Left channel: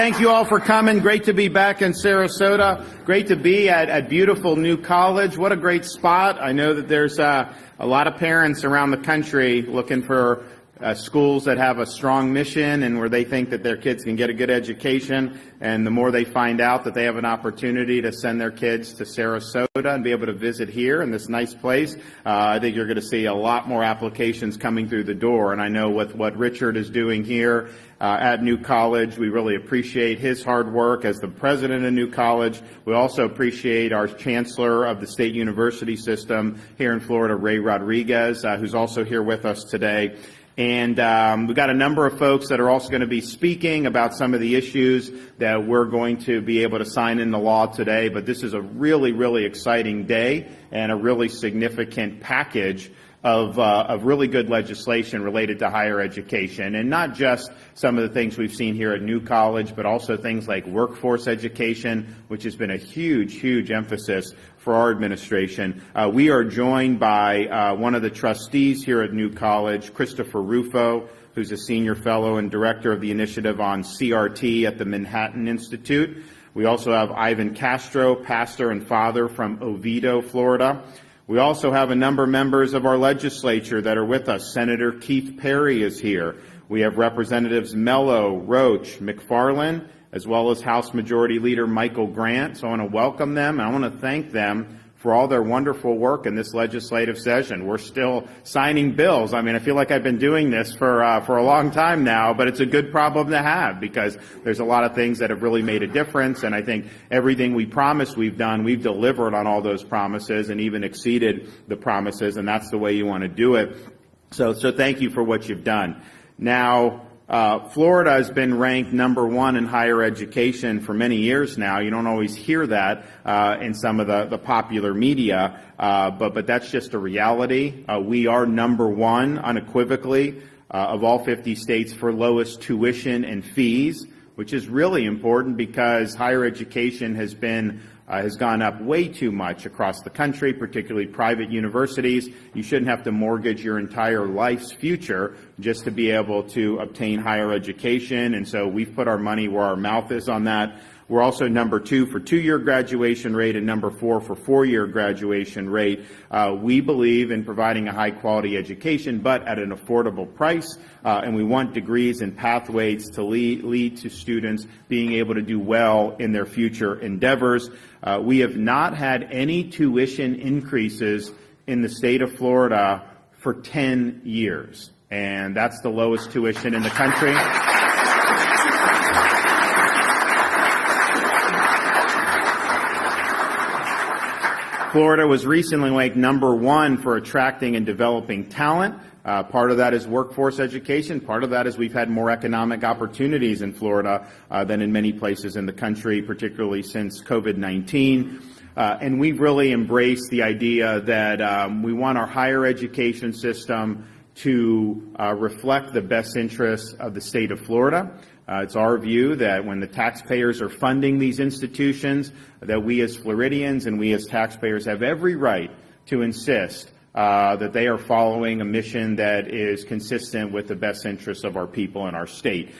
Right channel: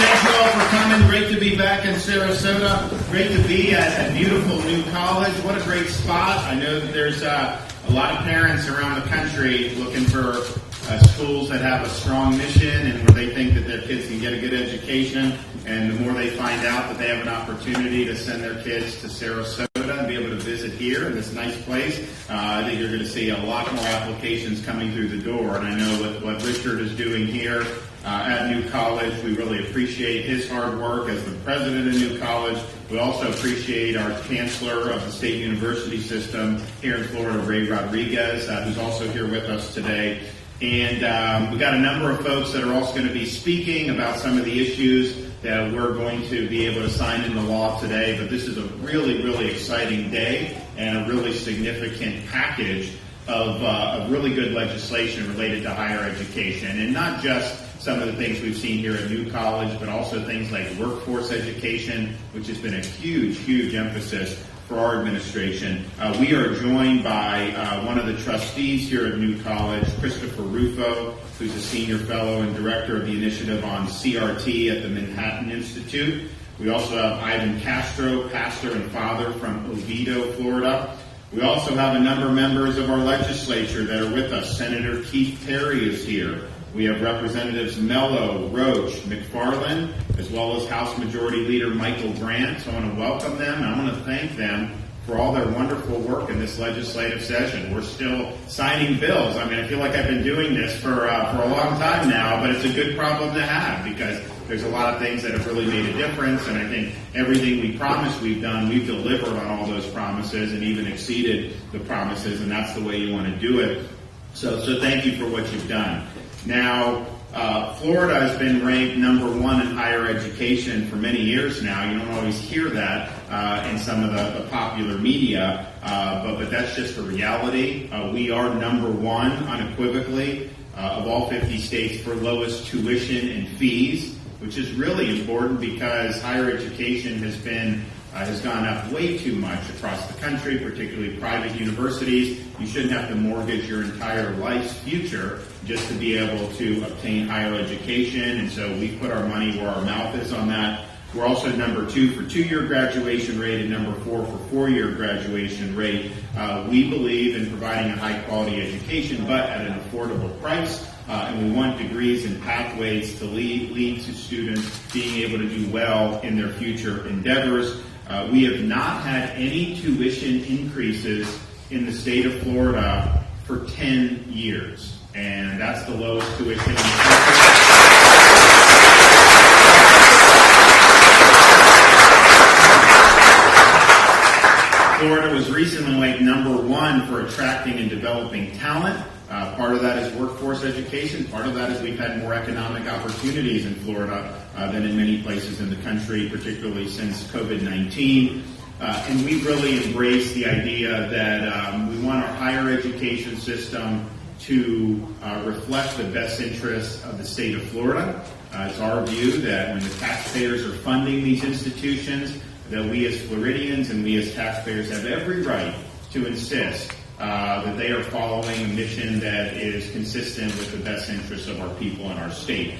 thank you all for coming. Great to be back in Sarasota. Great to be at a beautiful new college. What a great spot. I know that there's a lot of parents around the country looking for schools that have a strong mission and where they think that their kids can get a good education. And the more they find out that they have an opportunity to send their kids to Sarasota and be able to visit here in this nice place, I think you're going to see a lot more applications coming through the door. And I know what Richard is doing here at New College. We really appreciate his hard work as the president of New College. We also appreciate our chancellor of the state university system here in Florida, Ray Rodriguez, who's also here with us today. And we've got a number of folks that are also going to be speaking about some of the issues that we're going to be able to sign into law today. But this is a really, really exciting day and a really significant package of really good legislation related to higher education. And not just some of the things we've seen here at New College, but also things like workforce education, which has been a huge, huge emphasis for our administration. We are joined by one of the trustees here at New College, Christopher Rufo, who's a senior fellow and director of the initiative on CRT at the Manhattan Institute. We also have Ivan Castro, pastor and father from Oviedo, Florida. We also have a number of members of our legislature that are with us. Senator Keith Perry is here. We have Representatives Mello, Roach, McFarland, as well as House Majority Leader Michael Grant. So I want to welcome them. I want to thank them for all their wonderful work in this legislative session. We're still signing bills. I mean, I feel like I've been doing this for a long time now, but it's a good problem to have because there's a lot of things that have really made a difference, and I think everything we promised we've done, we've delivered on all those promises and even exceeded the promises, and that's the way you want to do it. So thank you for what you've done. Now, Florida has been ranked number one in higher education for many years now. You don't always hear that in some of the popular media, but that's just a reality. We are number one unequivocally of all 50 states for lowest tuition and fees, which is really important because higher education has gone up way too much across the country, particularly private universities. You shouldn't have to mortgage your entire life's future just to be able to obtain higher education, and so we put our money where our mouth is on that. We're also number two for two-year graduation rate and number four for four-year graduation rate. We believe in providing a high-quality education, but at an affordable price, and we want degrees and pathways to lead to students being able to do well in their future endeavors. We have not had any tuition increases in the state of Florida for 10 years, and that's the lowest tuition in the country. Florida was recently ranked number one for attracting and developing talent. Part of that is workforce education. Part of that is we've had more economic opportunities in Florida than in many places in the country, particularly since COVID-19. And we've really embraced the idea that we want our higher education system to reflect the best interests of the state of Florida. It's our view that when the taxpayers are funding these institutions, that we as Floridians and we as taxpayers have every right to insist that they are following a mission that is consistent with the best interests of our people in our state.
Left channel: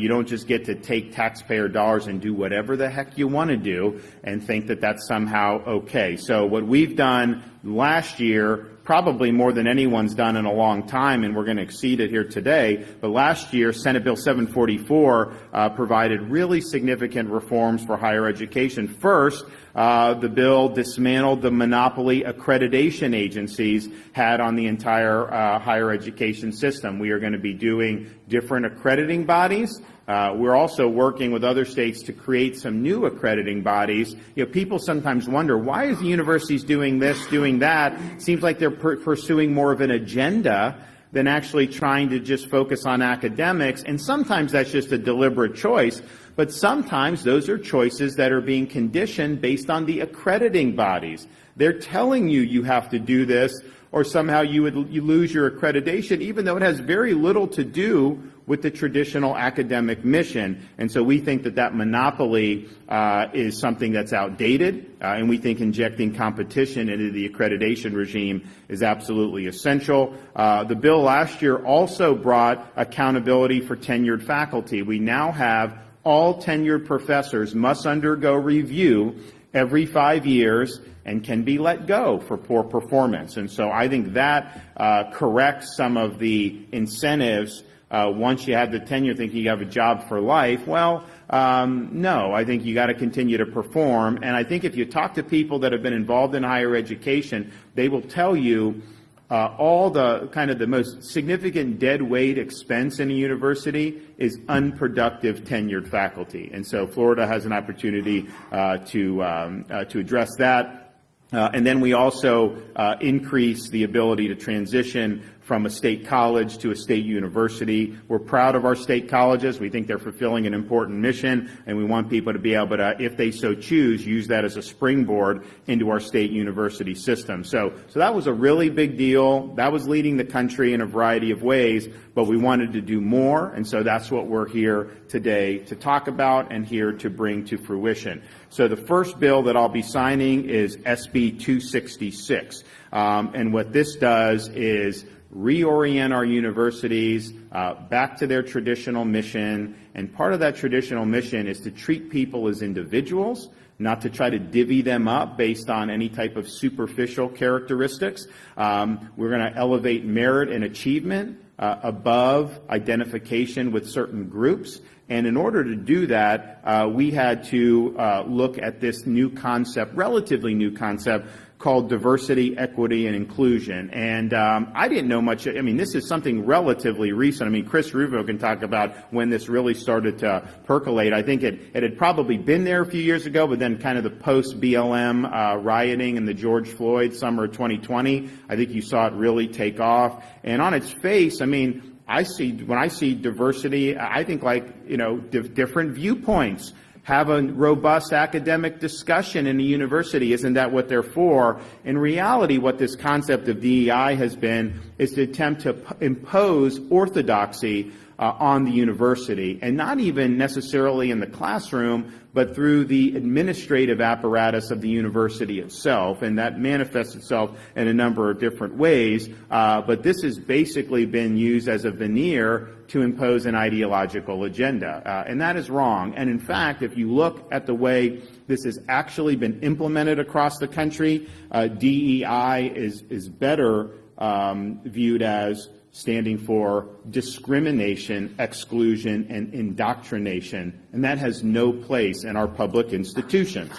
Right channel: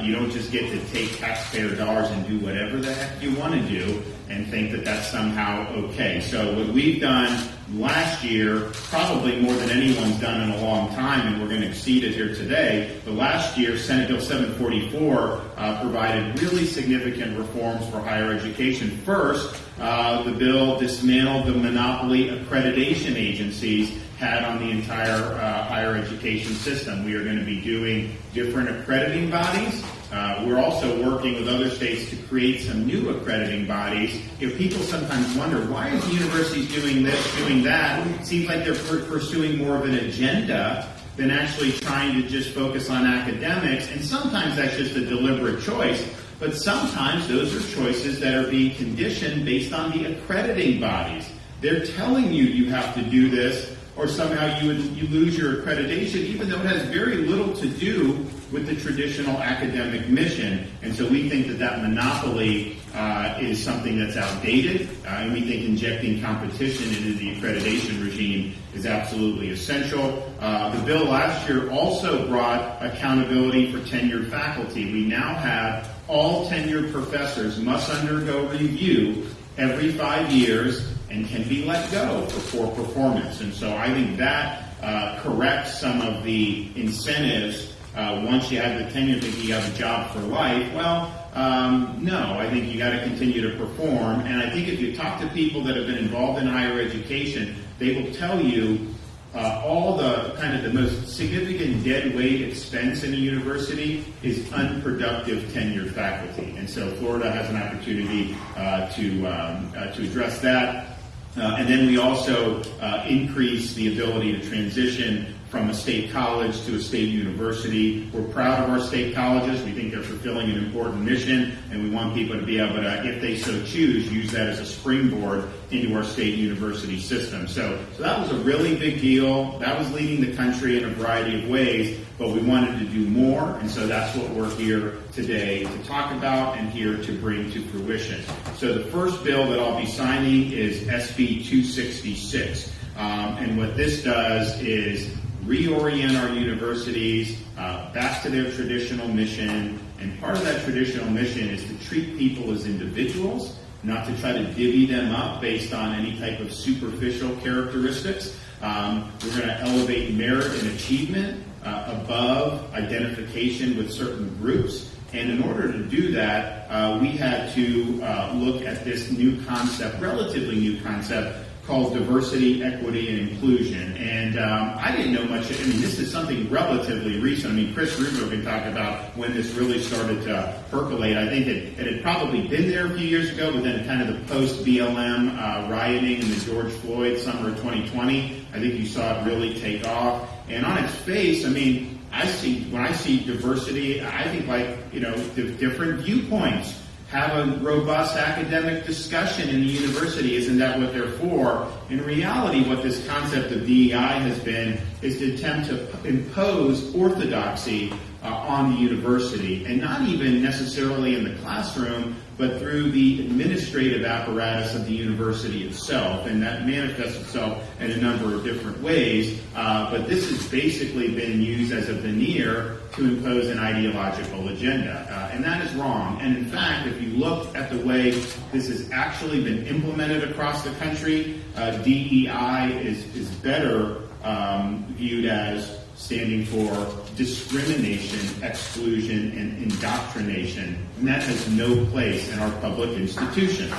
You don't just get to take taxpayer dollars and do whatever the heck you want to do and think that that's somehow okay. So what we've done last year, probably more than anyone's done in a long time, and we're going to exceed it here today, but last year Senate Bill 744 provided really significant reforms for higher education. First, the bill dismantled the monopoly accreditation agencies had on the entire higher education system. We are going to be doing different accrediting bodies. We're also working with other states to create some new accrediting bodies. You know, people sometimes wonder, why are the universities doing this, doing that? It seems like they're pursuing more of an agenda than actually trying to just focus on academics, and sometimes that's just a deliberate choice. But sometimes those are choices that are being conditioned based on the accrediting bodies. They're telling you have to do this, or somehow you lose your accreditation, even though it has very little to do with the traditional academic mission. And so we think that monopoly is something that's outdated, and we think injecting competition into the accreditation regime is absolutely essential. The bill last year also brought accountability for tenured faculty. We now have all tenured professors must undergo review every 5 years and can be let go for poor performance. And so I think that corrects some of the incentives. Once you have the tenure, thinking you have a job for life. Well, no, I think you got to continue to perform. And I think if you talk to people that have been involved in higher education, they will tell you all the kind of the most significant dead weight expense in a university is unproductive tenured faculty. And so Florida has an opportunity to address that. And then we also increase the ability to transition from a state college to a state university. We're proud of our state colleges. We think they're fulfilling an important mission, and we want people to be able to, if they so choose, use that as a springboard into our state university system. So that was a really big deal. That was leading the country in a variety of ways, but we wanted to do more, and so that's what we're here today to talk about and here to bring to fruition. So the first bill that I'll be signing is SB 266, and what this does is reorient our universities back to their traditional mission, and part of that traditional mission is to treat people as individuals, not to try to divvy them up based on any type of superficial characteristics. We're going to elevate merit and achievement above identification with certain groups, and in order to do that, we had to look at this new concept, relatively new concept, called diversity, equity, and inclusion. And I didn't know much. I mean, this is something relatively recent. I mean, Chris Rufo can talk about when this really started to percolate. I think it had probably been there a few years ago, but then kind of the post-BLM rioting in the George Floyd summer of 2020, I think you saw it really take off. And on its face, I mean, when I see diversity, I think different viewpoints. Have a robust academic discussion in the university. Isn't that what they're for? In reality, what this concept of DEI has been is to attempt to impose orthodoxy on the university, and not even necessarily in the classroom, but through the administrative apparatus of the university itself, and that manifests itself in a number of different ways. But this has basically been used as a veneer to impose an ideological agenda, and that is wrong. And in fact, if you look at the way this has actually been implemented across the country, DEI is better viewed as standing for discrimination, exclusion, and indoctrination, and that has no place in our public institutions.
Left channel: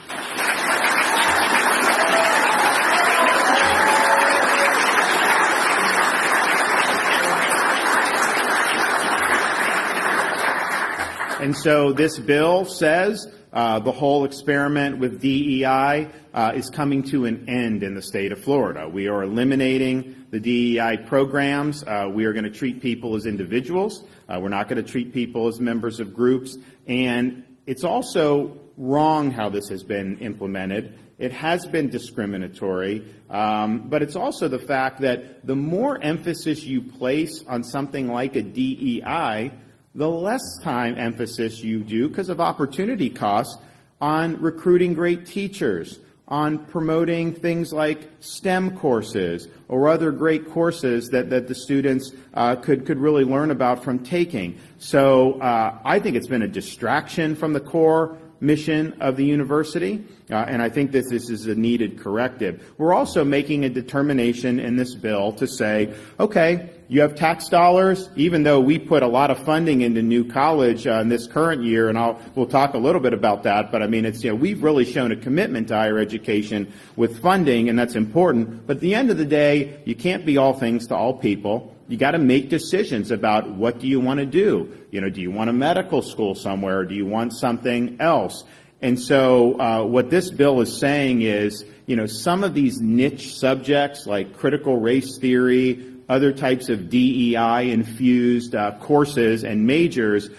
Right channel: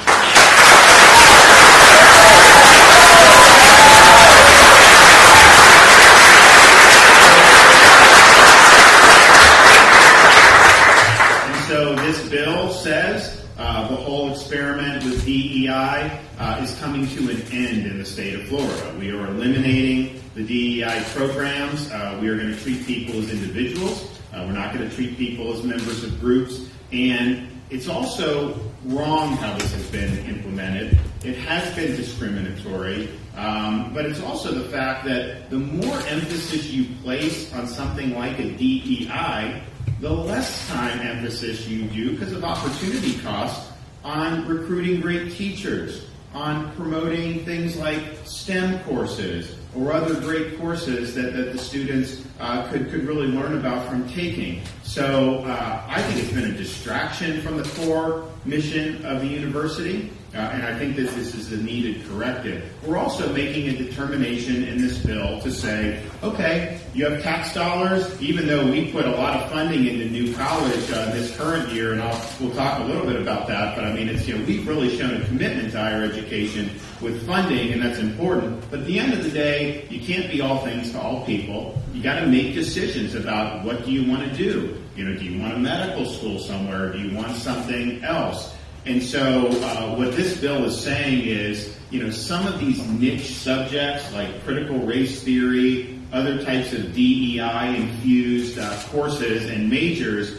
So this bill says the whole experiment with DEI is coming to an end in the state of Florida. We are eliminating the DEI programs. We are going to treat people as individuals. We're not going to treat people as members of groups. And it's also wrong how this has been implemented. It has been discriminatory, but it's also the fact that the more emphasis you place on something like a DEI, the less time emphasis you do, because of opportunity costs, on recruiting great teachers, on promoting things like STEM courses or other great courses that the students could really learn about from taking. So I think it's been a distraction from the core mission of the university, and I think that this is a needed corrective. We're also making a determination in this bill to say, okay, you have tax dollars, even though we put a lot of funding into new college in this current year, and we'll talk a little bit about that, but I mean, it's, we've really shown a commitment to higher education with funding, and that's important. But at the end of the day, you can't be all things to all people. You got to make decisions about what do you want to do. Do you want a medical school somewhere? Do you want something else? And so what this bill is saying is, some of these niche subjects like critical race theory, other types of DEI-infused courses and majors,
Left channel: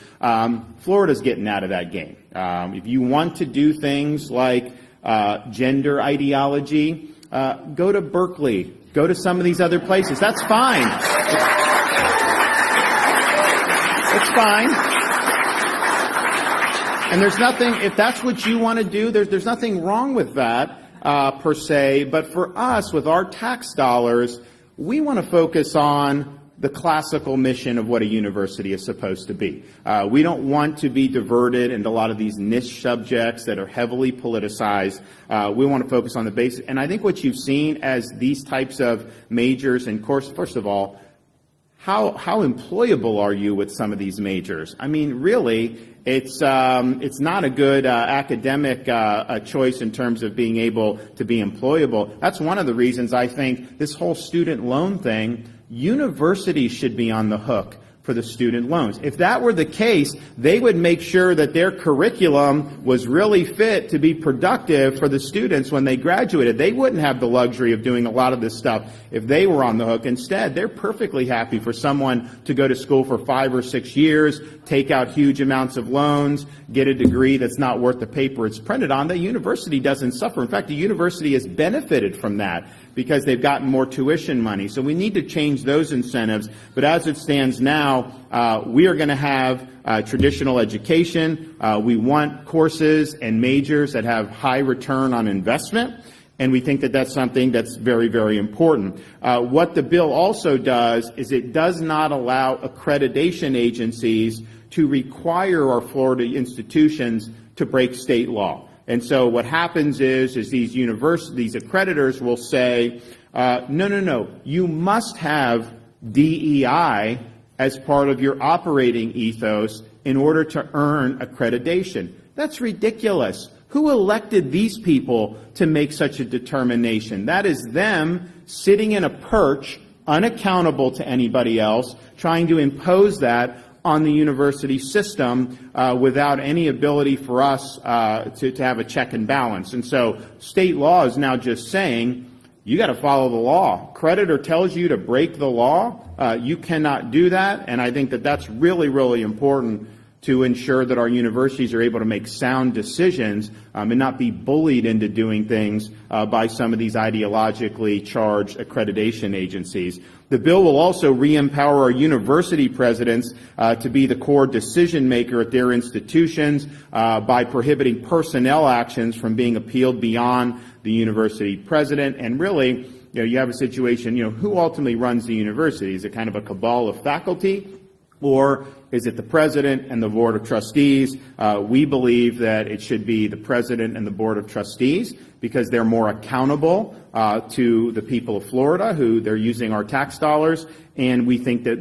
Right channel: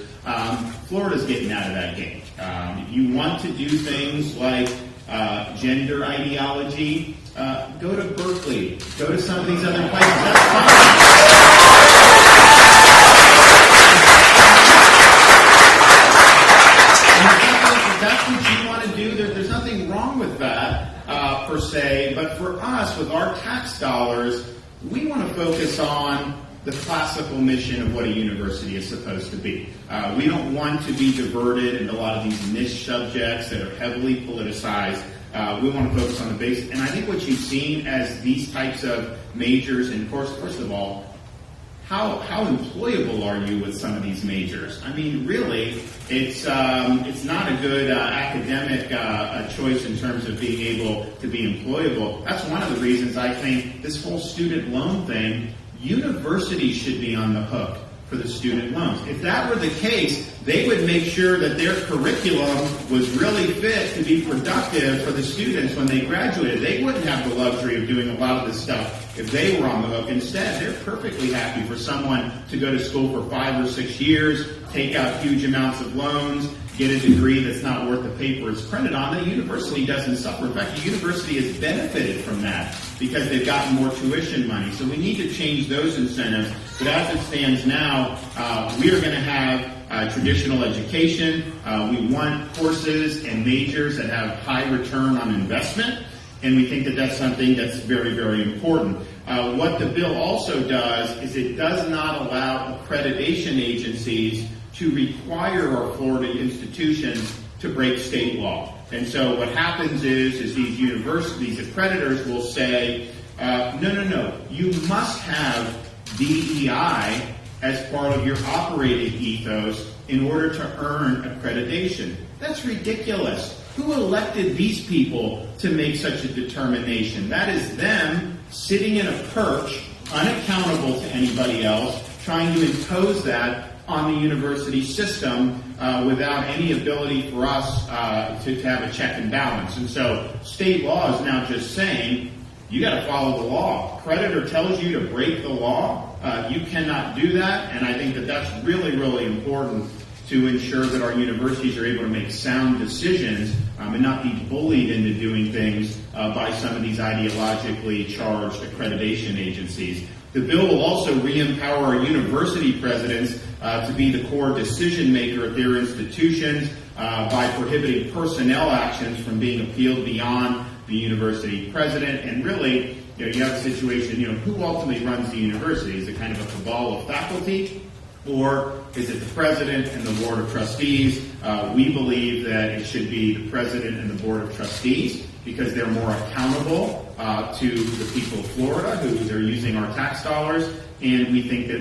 Florida's getting out of that game. If you want to do things like gender ideology, go to Berkeley, go to some of these other places. That's fine. And there's nothing, if that's what you want to do, there's nothing wrong with that per se. But for us, with our tax dollars, we want to focus on the classical mission of what a university is supposed to be. We don't want to be diverted into a lot of these niche subjects that are heavily politicized. We want to focus on the basics. And I think what you've seen as these types of majors and courses, first of all, how employable are you with some of these majors? I mean, really, it's not a good academic choice in terms of being able to be employable. That's one of the reasons I think this whole student loan thing, universities should be on the hook for the student loans. If that were the case, they would make sure that their curriculum was really fit to be productive for the students when they graduated. They wouldn't have the luxury of doing a lot of this stuff if they were on the hook. Instead, they're perfectly happy for someone to go to school for 5 or 6 years, take out huge amounts of loans, get a degree that's not worth the paper it's printed on. The university doesn't suffer. In fact, the university has benefited from that because they've gotten more tuition money. So we need to change those incentives. But as it stands now, we are going to have traditional education. We want courses and majors that have high return on investment. And we think that that's something that's very, very important. What the bill also does is it does not allow accreditation agencies to require our Florida institutions to break state law. And so what happens is these universities, accreditors will say, no, you must have DEI as part of your operating ethos in order to earn accreditation. That's ridiculous. Who elected these people to make such a determination? That is them sitting in a perch, unaccountable to anybody else, trying to impose that on the university system without any ability for us to have a check and balance. And so state law is now just saying, you got to follow the law. Creditor tells you to break the law. You cannot do that. And I think that that's really, really important to ensure that our universities are able to make sound decisions and not be bullied into doing things by some of these ideologically charged accreditation agencies. The bill will also re-empower our university presidents to be the core decision maker at their institutions by prohibiting personnel actions from being appealed beyond the university president. And really, you have a situation, who ultimately runs the university? Is it kind of a cabal of faculty, or is it the president and the board of trustees? We believe that it should be the president and the board of trustees because they're more accountable to the people of Florida, who they're using our tax dollars, and we think that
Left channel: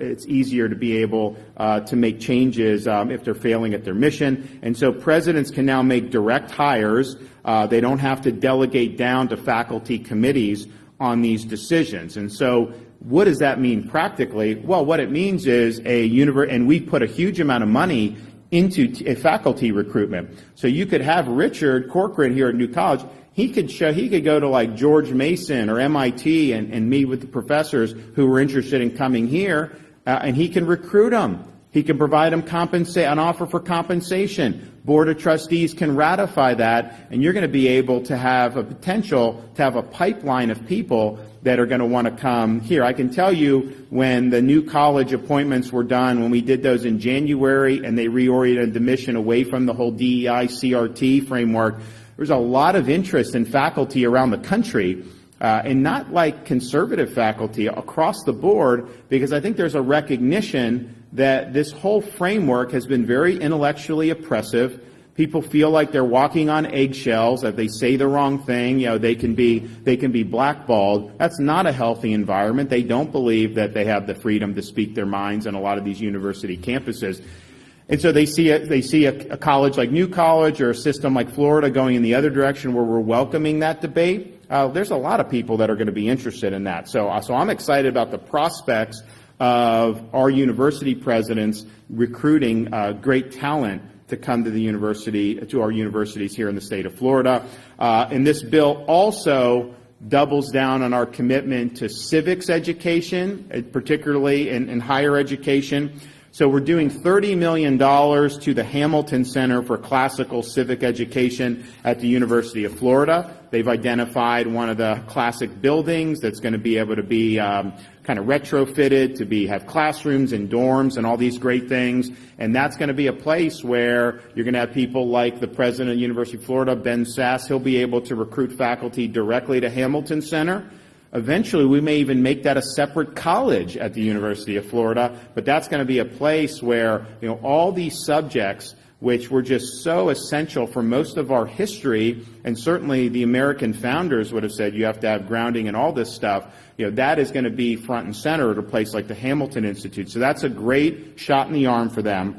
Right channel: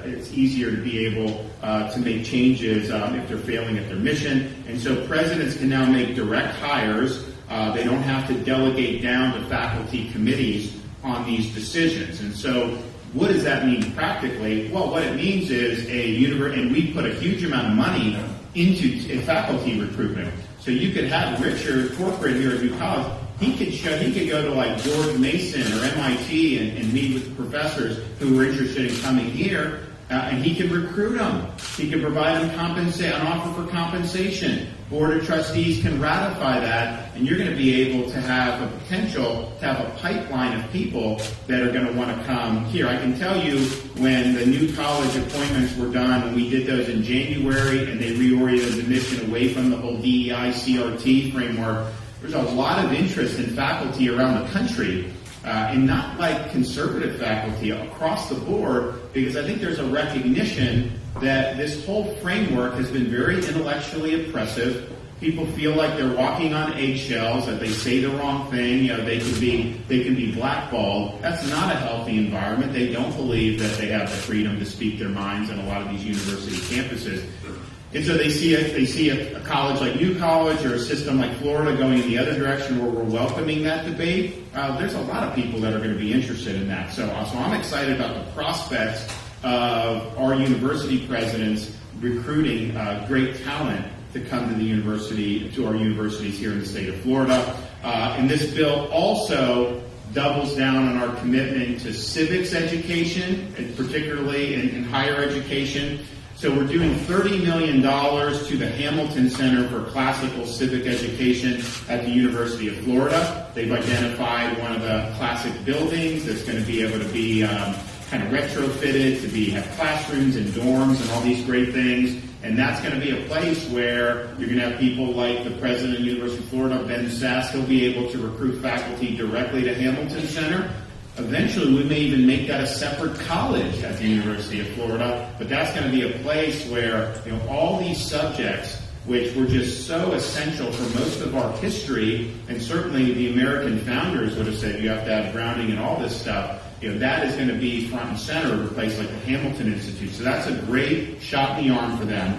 it's easier to be able to make changes if they're failing at their mission. And so presidents can now make direct hires. They don't have to delegate down to faculty committees on these decisions. And so what does that mean practically? Well, what it means is and we put a huge amount of money into faculty recruitment. So you could have Richard Corcoran here at New College. He could go to like George Mason or MIT and meet with professors who were interested in coming here, and he could recruit them. He could provide them an offer for compensation. Board of Trustees can ratify that, and you're going to be able to have a potential to have a pipeline of people that are going to want to come here. I can tell you when the new college appointments were done, when we did those in January, and they reoriented the mission away from the whole DEI CRT framework, there's a lot of interest in faculty around the country, and not like conservative faculty, across the board, because I think there's a recognition that this whole framework has been very intellectually oppressive. People feel like they're walking on eggshells, that they say the wrong thing, they can be blackballed. That's not a healthy environment. They don't believe that they have the freedom to speak their minds on a lot of these university campuses. And so they see a college like New College or a system like Florida going in the other direction where we're welcoming that debate. There's a lot of people that are going to be interested in that. So I'm excited about the prospects of our university presidents recruiting great talent to come to the university, to our universities here in the state of Florida. And this bill also doubles down on our commitment to civics education, particularly in higher education. So we're doing $30 million to the Hamilton Center for Classical Civic Education at the University of Florida. They've identified one of the classic buildings that's going to be able to be kind of retrofitted to have classrooms and dorms and all these great things. And that's going to be a place where you're going to have people like the president of the University of Florida, Ben Sass. He'll be able to recruit faculty directly to Hamilton Center. Eventually, we may even make that a separate college at the University of Florida, but that's going to be a place where, all these subjects, which were just so essential for most of our history, and certainly the American founders would have said you have to have grounding in all this stuff, that is going to be front and center at a place like the Hamilton Institute. So that's a great shot in the arm for them.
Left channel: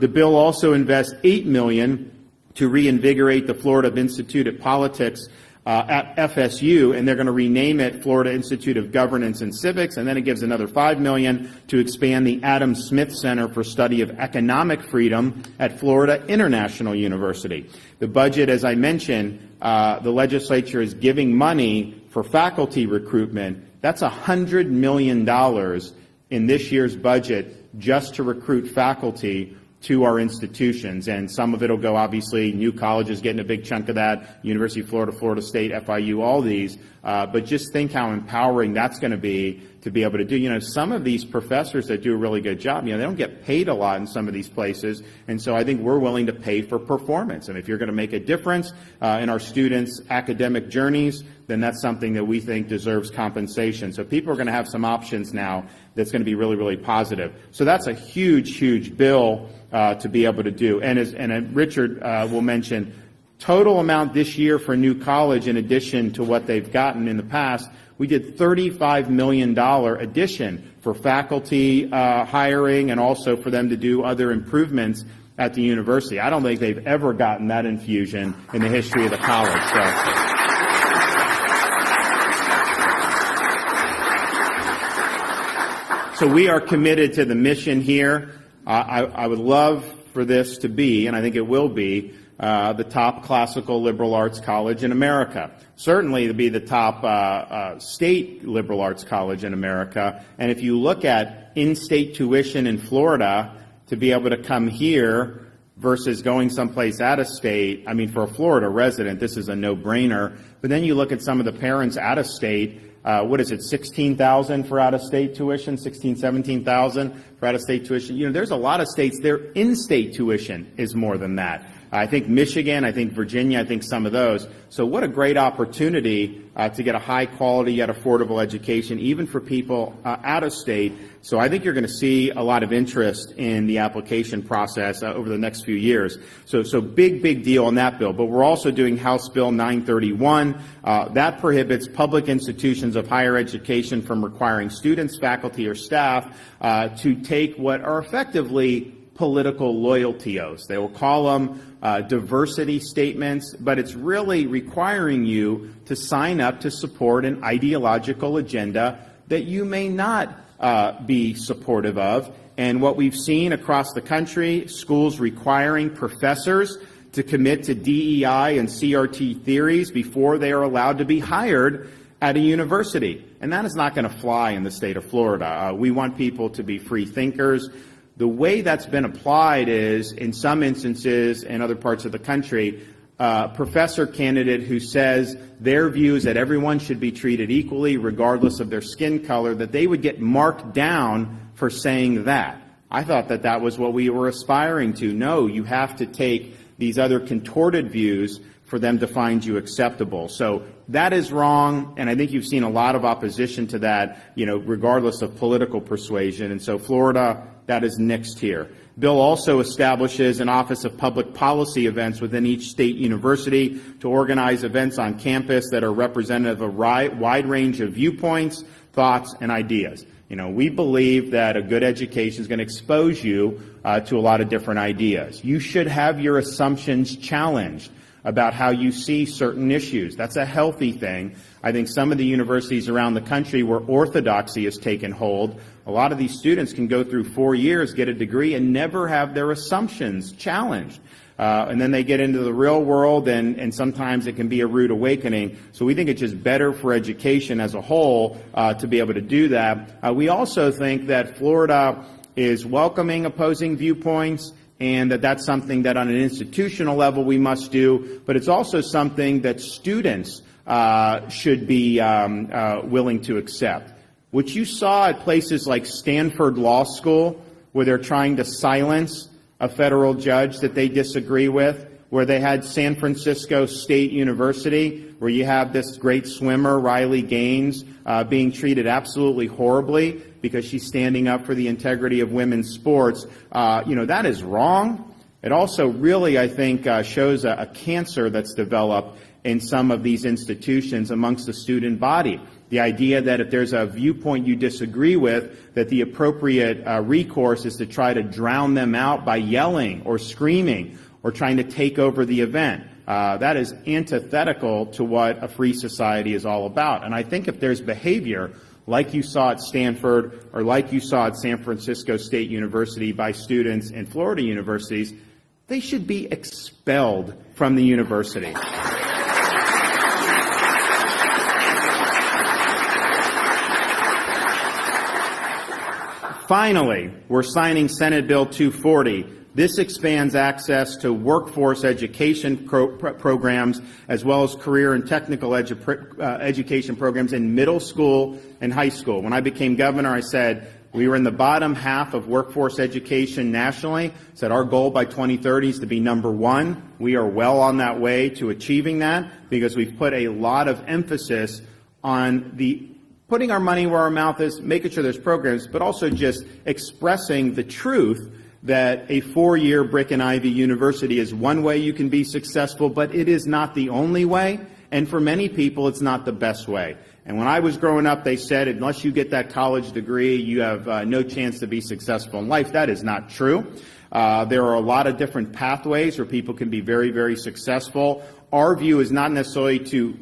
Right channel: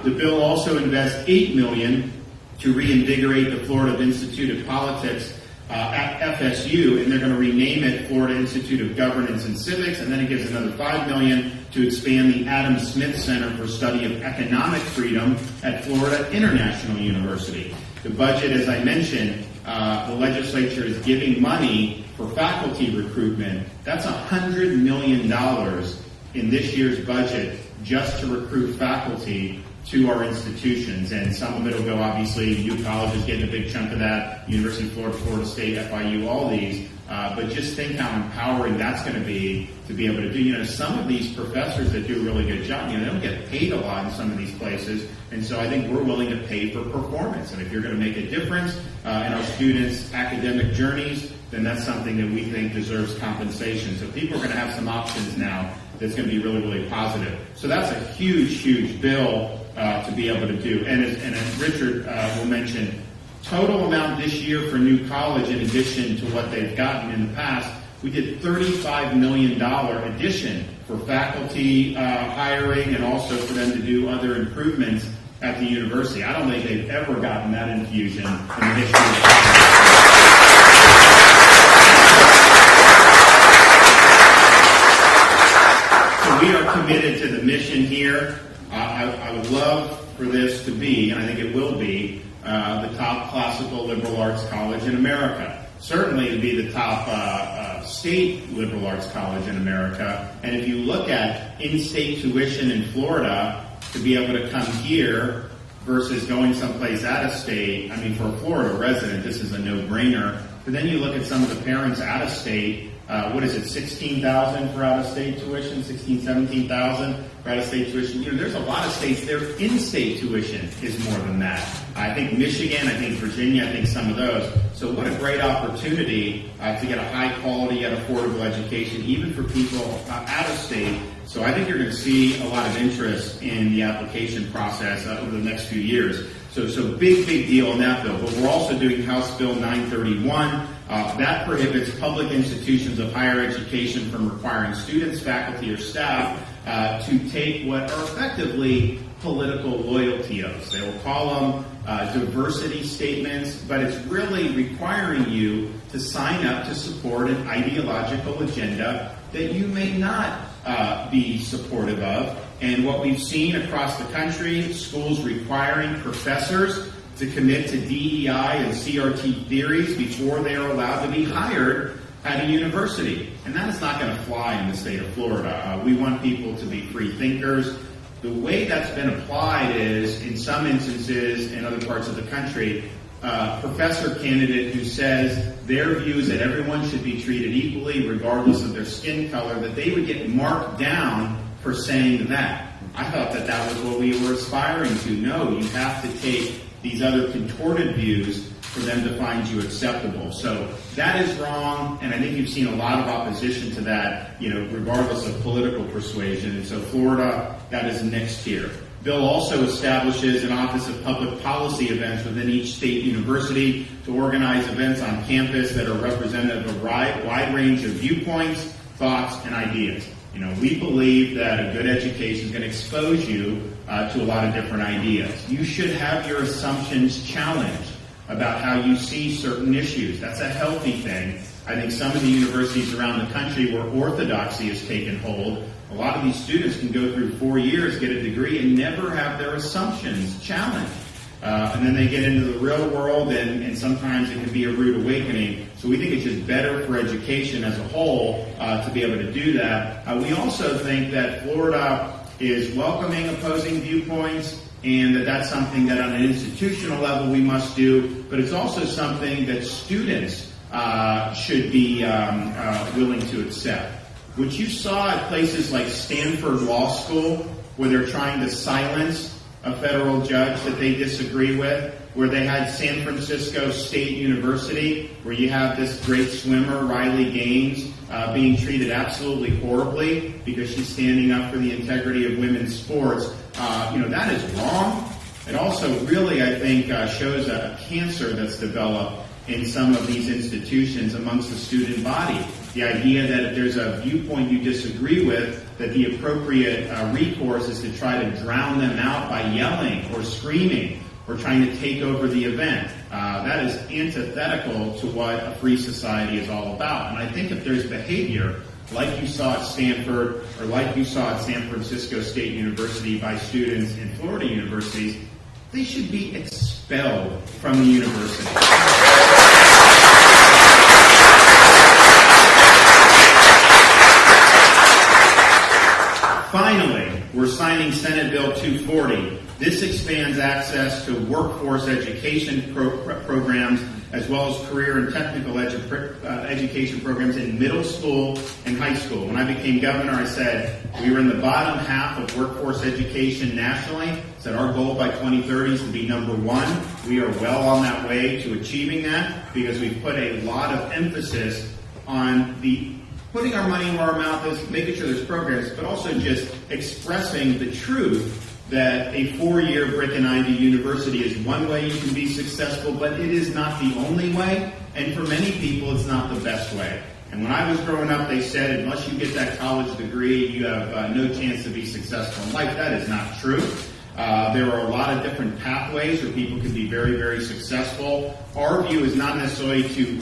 The bill also invests $8 million to reinvigorate the Florida Institute of Politics at FSU, and they're going to rename it Florida Institute of Governance and Civics, and then it gives another $5 million to expand the Adam Smith Center for Study of Economic Freedom at Florida International University. The budget, as I mentioned, the legislature is giving money for faculty recruitment. That's $100 million in this year's budget just to recruit faculty to our institutions, and some of it will go, obviously, new colleges getting a big chunk of that, University of Florida, Florida State, FIU, all these, but just think how empowering that's going to be able to do. Some of these professors that do a really good job, they don't get paid a lot in some of these places, and so I think we're willing to pay for performance, and if you're going to make a difference in our students' academic journeys, then that's something that we think deserves compensation. So people are going to have some options now that's going to be really, really positive. So that's a huge, huge bill to be able to do. And as Richard will mention, total amount this year for new college, in addition to what they've gotten in the past, we did $35 million addition for faculty hiring and also for them to do other improvements at the university. I don't think they've ever gotten that infusion in the history of the college. So we are committed to the mission here. I would love for this to be, and I think it will be, the top classical liberal arts college in America. Certainly to be the top state liberal arts college in America. And if you look at in-state tuition in Florida, to be able to come here versus going someplace out of state, for a Florida resident, this is a no-brainer. But then you look at some of the parents out of state, what is it, $16,000 for out-of-state tuition, $17,000 for out-of-state tuition. There's a lot of states, their in-state tuition is more than that. I think Michigan, I think Virginia, I think some of those. So what a great opportunity to get a high-quality yet affordable education, even for people out of state. So I think you're going to see a lot of interest in the application process over the next few years. So big deal on that bill. But we're also doing House Bill 931. That prohibits public institutions of higher education from requiring students, faculty, or staff to take what are effectively political loyalty oaths. They will call them diversity statements, but it's really requiring you to sign up to support an ideological agenda that you may not be supportive of. And what we've seen across the country, schools requiring professors to commit to DEI and CRT theories before they are allowed to be hired at a university. And that is not going to fly in the state of Florida. We want people to be free thinkers. The way that's been applied is, in some instances in other parts of the country, a professor candidate who says their views that everyone should be treated equally regardless of their skin color, that they would get marked down for saying that. I thought that was what we were aspiring to. No, you have to take these other contorted views for them to find you acceptable. So that is wrong, and I think you've seen a lot of opposition to that, regardless of political persuasion. And so Florida, that is next here. Bill also establishes an Office of Public Policy events within each state university to organize events on campus that are representative of a wide range of viewpoints, thoughts, and ideas. We believe that a good education is going to expose you to a lot of different ideas. You should have your assumptions challenged about how you see certain issues. That's a healthy thing. I think some of the universities around the country where orthodoxy has taken hold, a lot of these students can go through 4 years, get a degree, and never have their assumptions challenged. And then they get into the real world, and sometimes it can be a rude awakening. So we think it's just better for education as a whole to be able to do that. We also think that Florida is welcoming opposing viewpoints, and that's something that on an institutional level we must do, but it's also something that students should be willing to accept. What you saw at places like Stanford Law School, where they're trying to silence a federal judge that they disagree with, where they had San Francisco State University, where you have this great swimmer, Riley Gaines, being treated absolutely horribly because she's standing up for the integrity of women's sports, that is wrong. It also really, I think, shows a cancer that's developed in some of these institutions amongst the student body. The idea that if there's a viewpoint you disagree with, that the appropriate recourse is to try to drown them out by yelling or screaming or trying to take over the event. That is antithetical to what a free society is all about. And I think if there's behavior like you saw at Stanford or like you saw at San Francisco State University by students in Florida universities, they should be expelled from the university. Finally, we're signing Senate Bill 240. This expands access to workforce education programs as well as career and technical education programs in middle school and high school. When I became governor, I said we were in the bottom half of workforce education nationally. I said our goal by 2030 is to be number one. We are well on that way to achieving that because we've put a lot of emphasis on putting our money where our mouth is, making sure there's programs, but also just expressing the truth that a 4-year brick and ivy university is one way you can be successful, but it is not the only way, and for many people it's not the best way. And when I was growing up, they said unless you get that college degree, you have no chance to be successful in life. That is not true. There are a lot of different pathways where people can be very, very successful. Our view is not necessarily to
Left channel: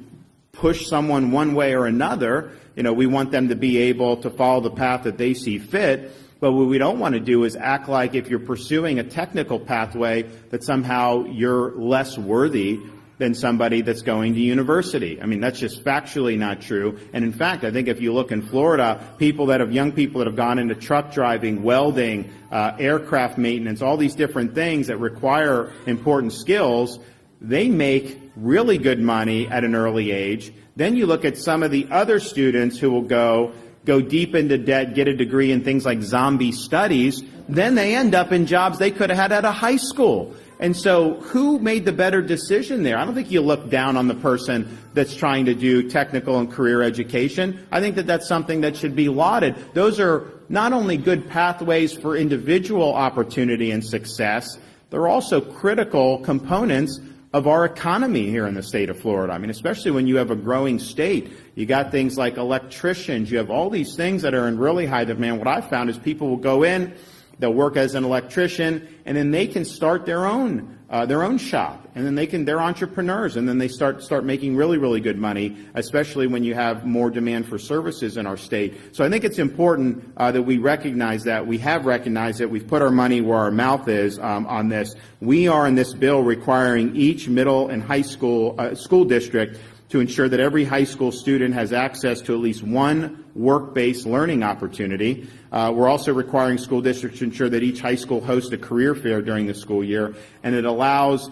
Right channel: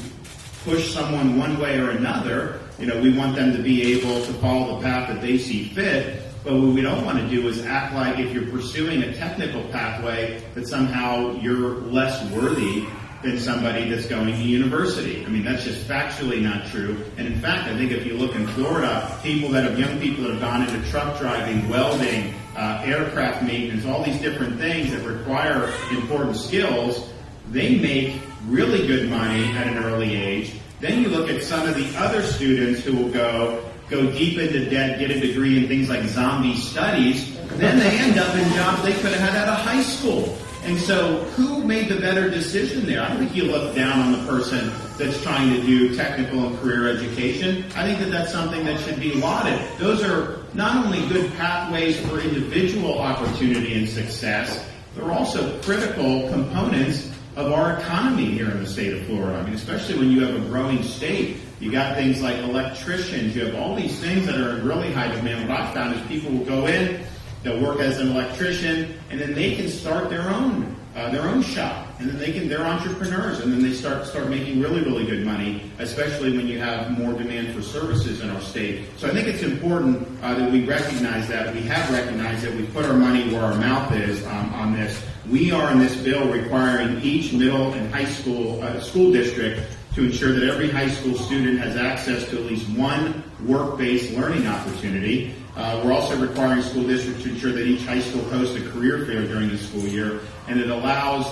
push someone one way or another. We want them to be able to follow the path that they see fit. But what we don't want to do is act like if you're pursuing a technical pathway that somehow you're less worthy than somebody that's going to university. I mean, that's just factually not true. And in fact, I think if you look in Florida, young people that have gone into truck driving, welding, aircraft maintenance, all these different things that require important skills, they make really good money at an early age. Then you look at some of the other students who will go deep into debt, get a degree in things like zombie studies, then they end up in jobs they could have had out of high school. And so who made the better decision there? I don't think you look down on the person that's trying to do technical and career education. I think that that's something that should be lauded. Those are not only good pathways for individual opportunity and success, they're also critical components of our economy here in the state of Florida. I mean, especially when you have a growing state. You got things like electricians. You have all these things that are in really high demand. What I've found is people will go in, they'll work as an electrician, and then they can start their own shop. And then they're entrepreneurs, and then they start making really, really good money, especially when you have more demand for services in our state. So I think it's important that we recognize that. We have recognized that. We put our money where our mouth is on this. We are in this bill requiring each middle and high school district to ensure that every high school student has access to at least one work-based learning opportunity. We're also requiring school districts to ensure that each high school hosts a career fair during the school year, and it allows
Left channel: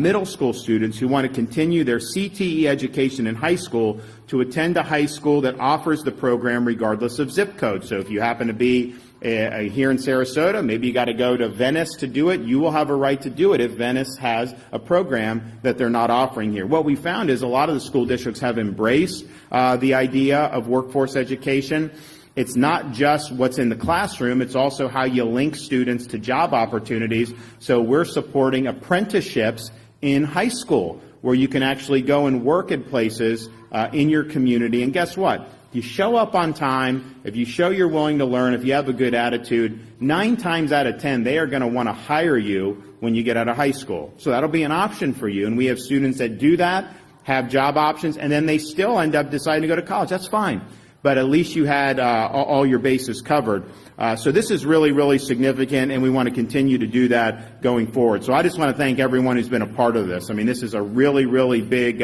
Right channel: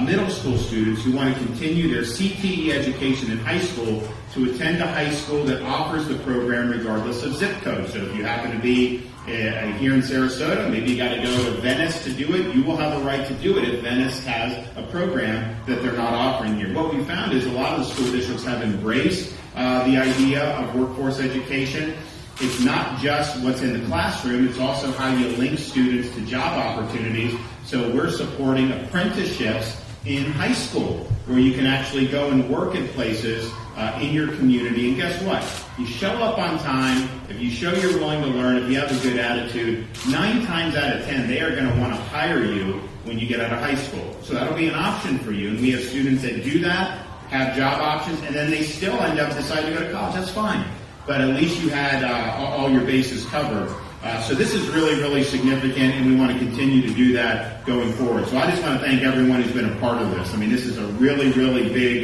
middle school students who want to continue their CTE education in high school to attend a high school that offers the program regardless of zip code. So if you happen to be here in Sarasota, maybe you got to go to Venice to do it, you will have a right to do it if Venice has a program that they're not offering here. What we found is a lot of the school districts have embraced the idea of workforce education. It's not just what's in the classroom, it's also how you link students to job opportunities. So we're supporting apprenticeships in high school where you can actually go and work in places in your community. And guess what? If you show up on time, if you show you're willing to learn, if you have a good attitude, 9 times out of 10, they are going to want to hire you when you get out of high school. So that'll be an option for you. And we have students that do that, have job options, and then they still end up deciding to go to college. That's fine. But at least you had all your bases covered. So this is really, really significant, and we want to continue to do that going forward. So I just want to thank everyone who's been a part of this. I mean, this is a really, really big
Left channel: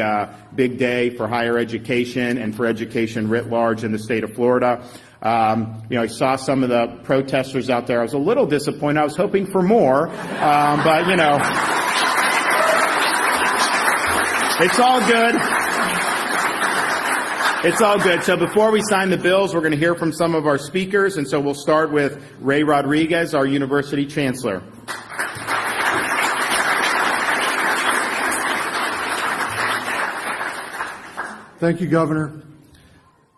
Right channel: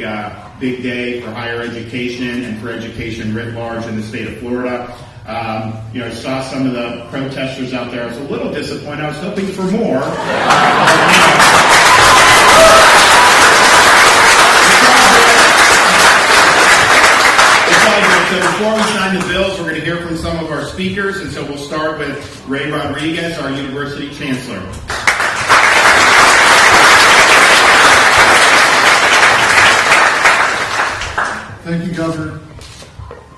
day for higher education and for education writ large in the state of Florida. I saw some of the protesters out there. I was a little disappointed. I was hoping for more. It's all good. So before we sign the bills, we're going to hear from some of our speakers, and so we'll start with Ray Rodriguez, our University Chancellor. Thank you, Governor.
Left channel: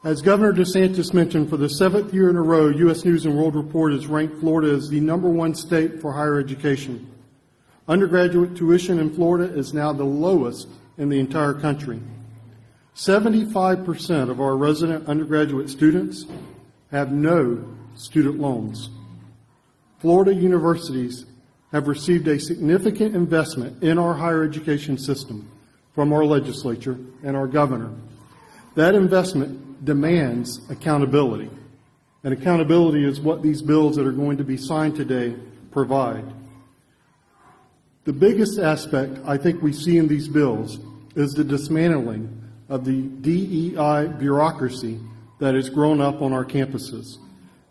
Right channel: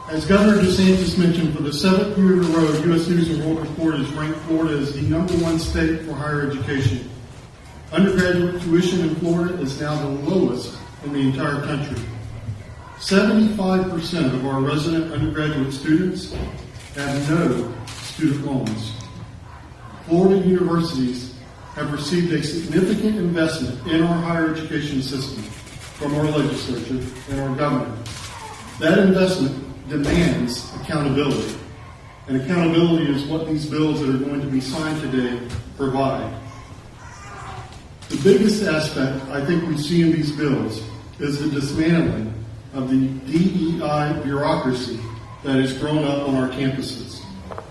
As Governor DeSantis mentioned, for the 7th year in a row, U.S. News & World Report has ranked Florida as the #1 state for higher education. Undergraduate tuition in Florida is now the lowest in the entire country. 75% of our resident undergraduate students have no student loans. Florida universities have received a significant investment in our higher education system from our legislature and our governor. That investment demands accountability, and accountability is what these bills that are going to be signed today provide. The biggest aspect I think we see in these bills is the dismantling of the DEI bureaucracy that has grown up on our campuses.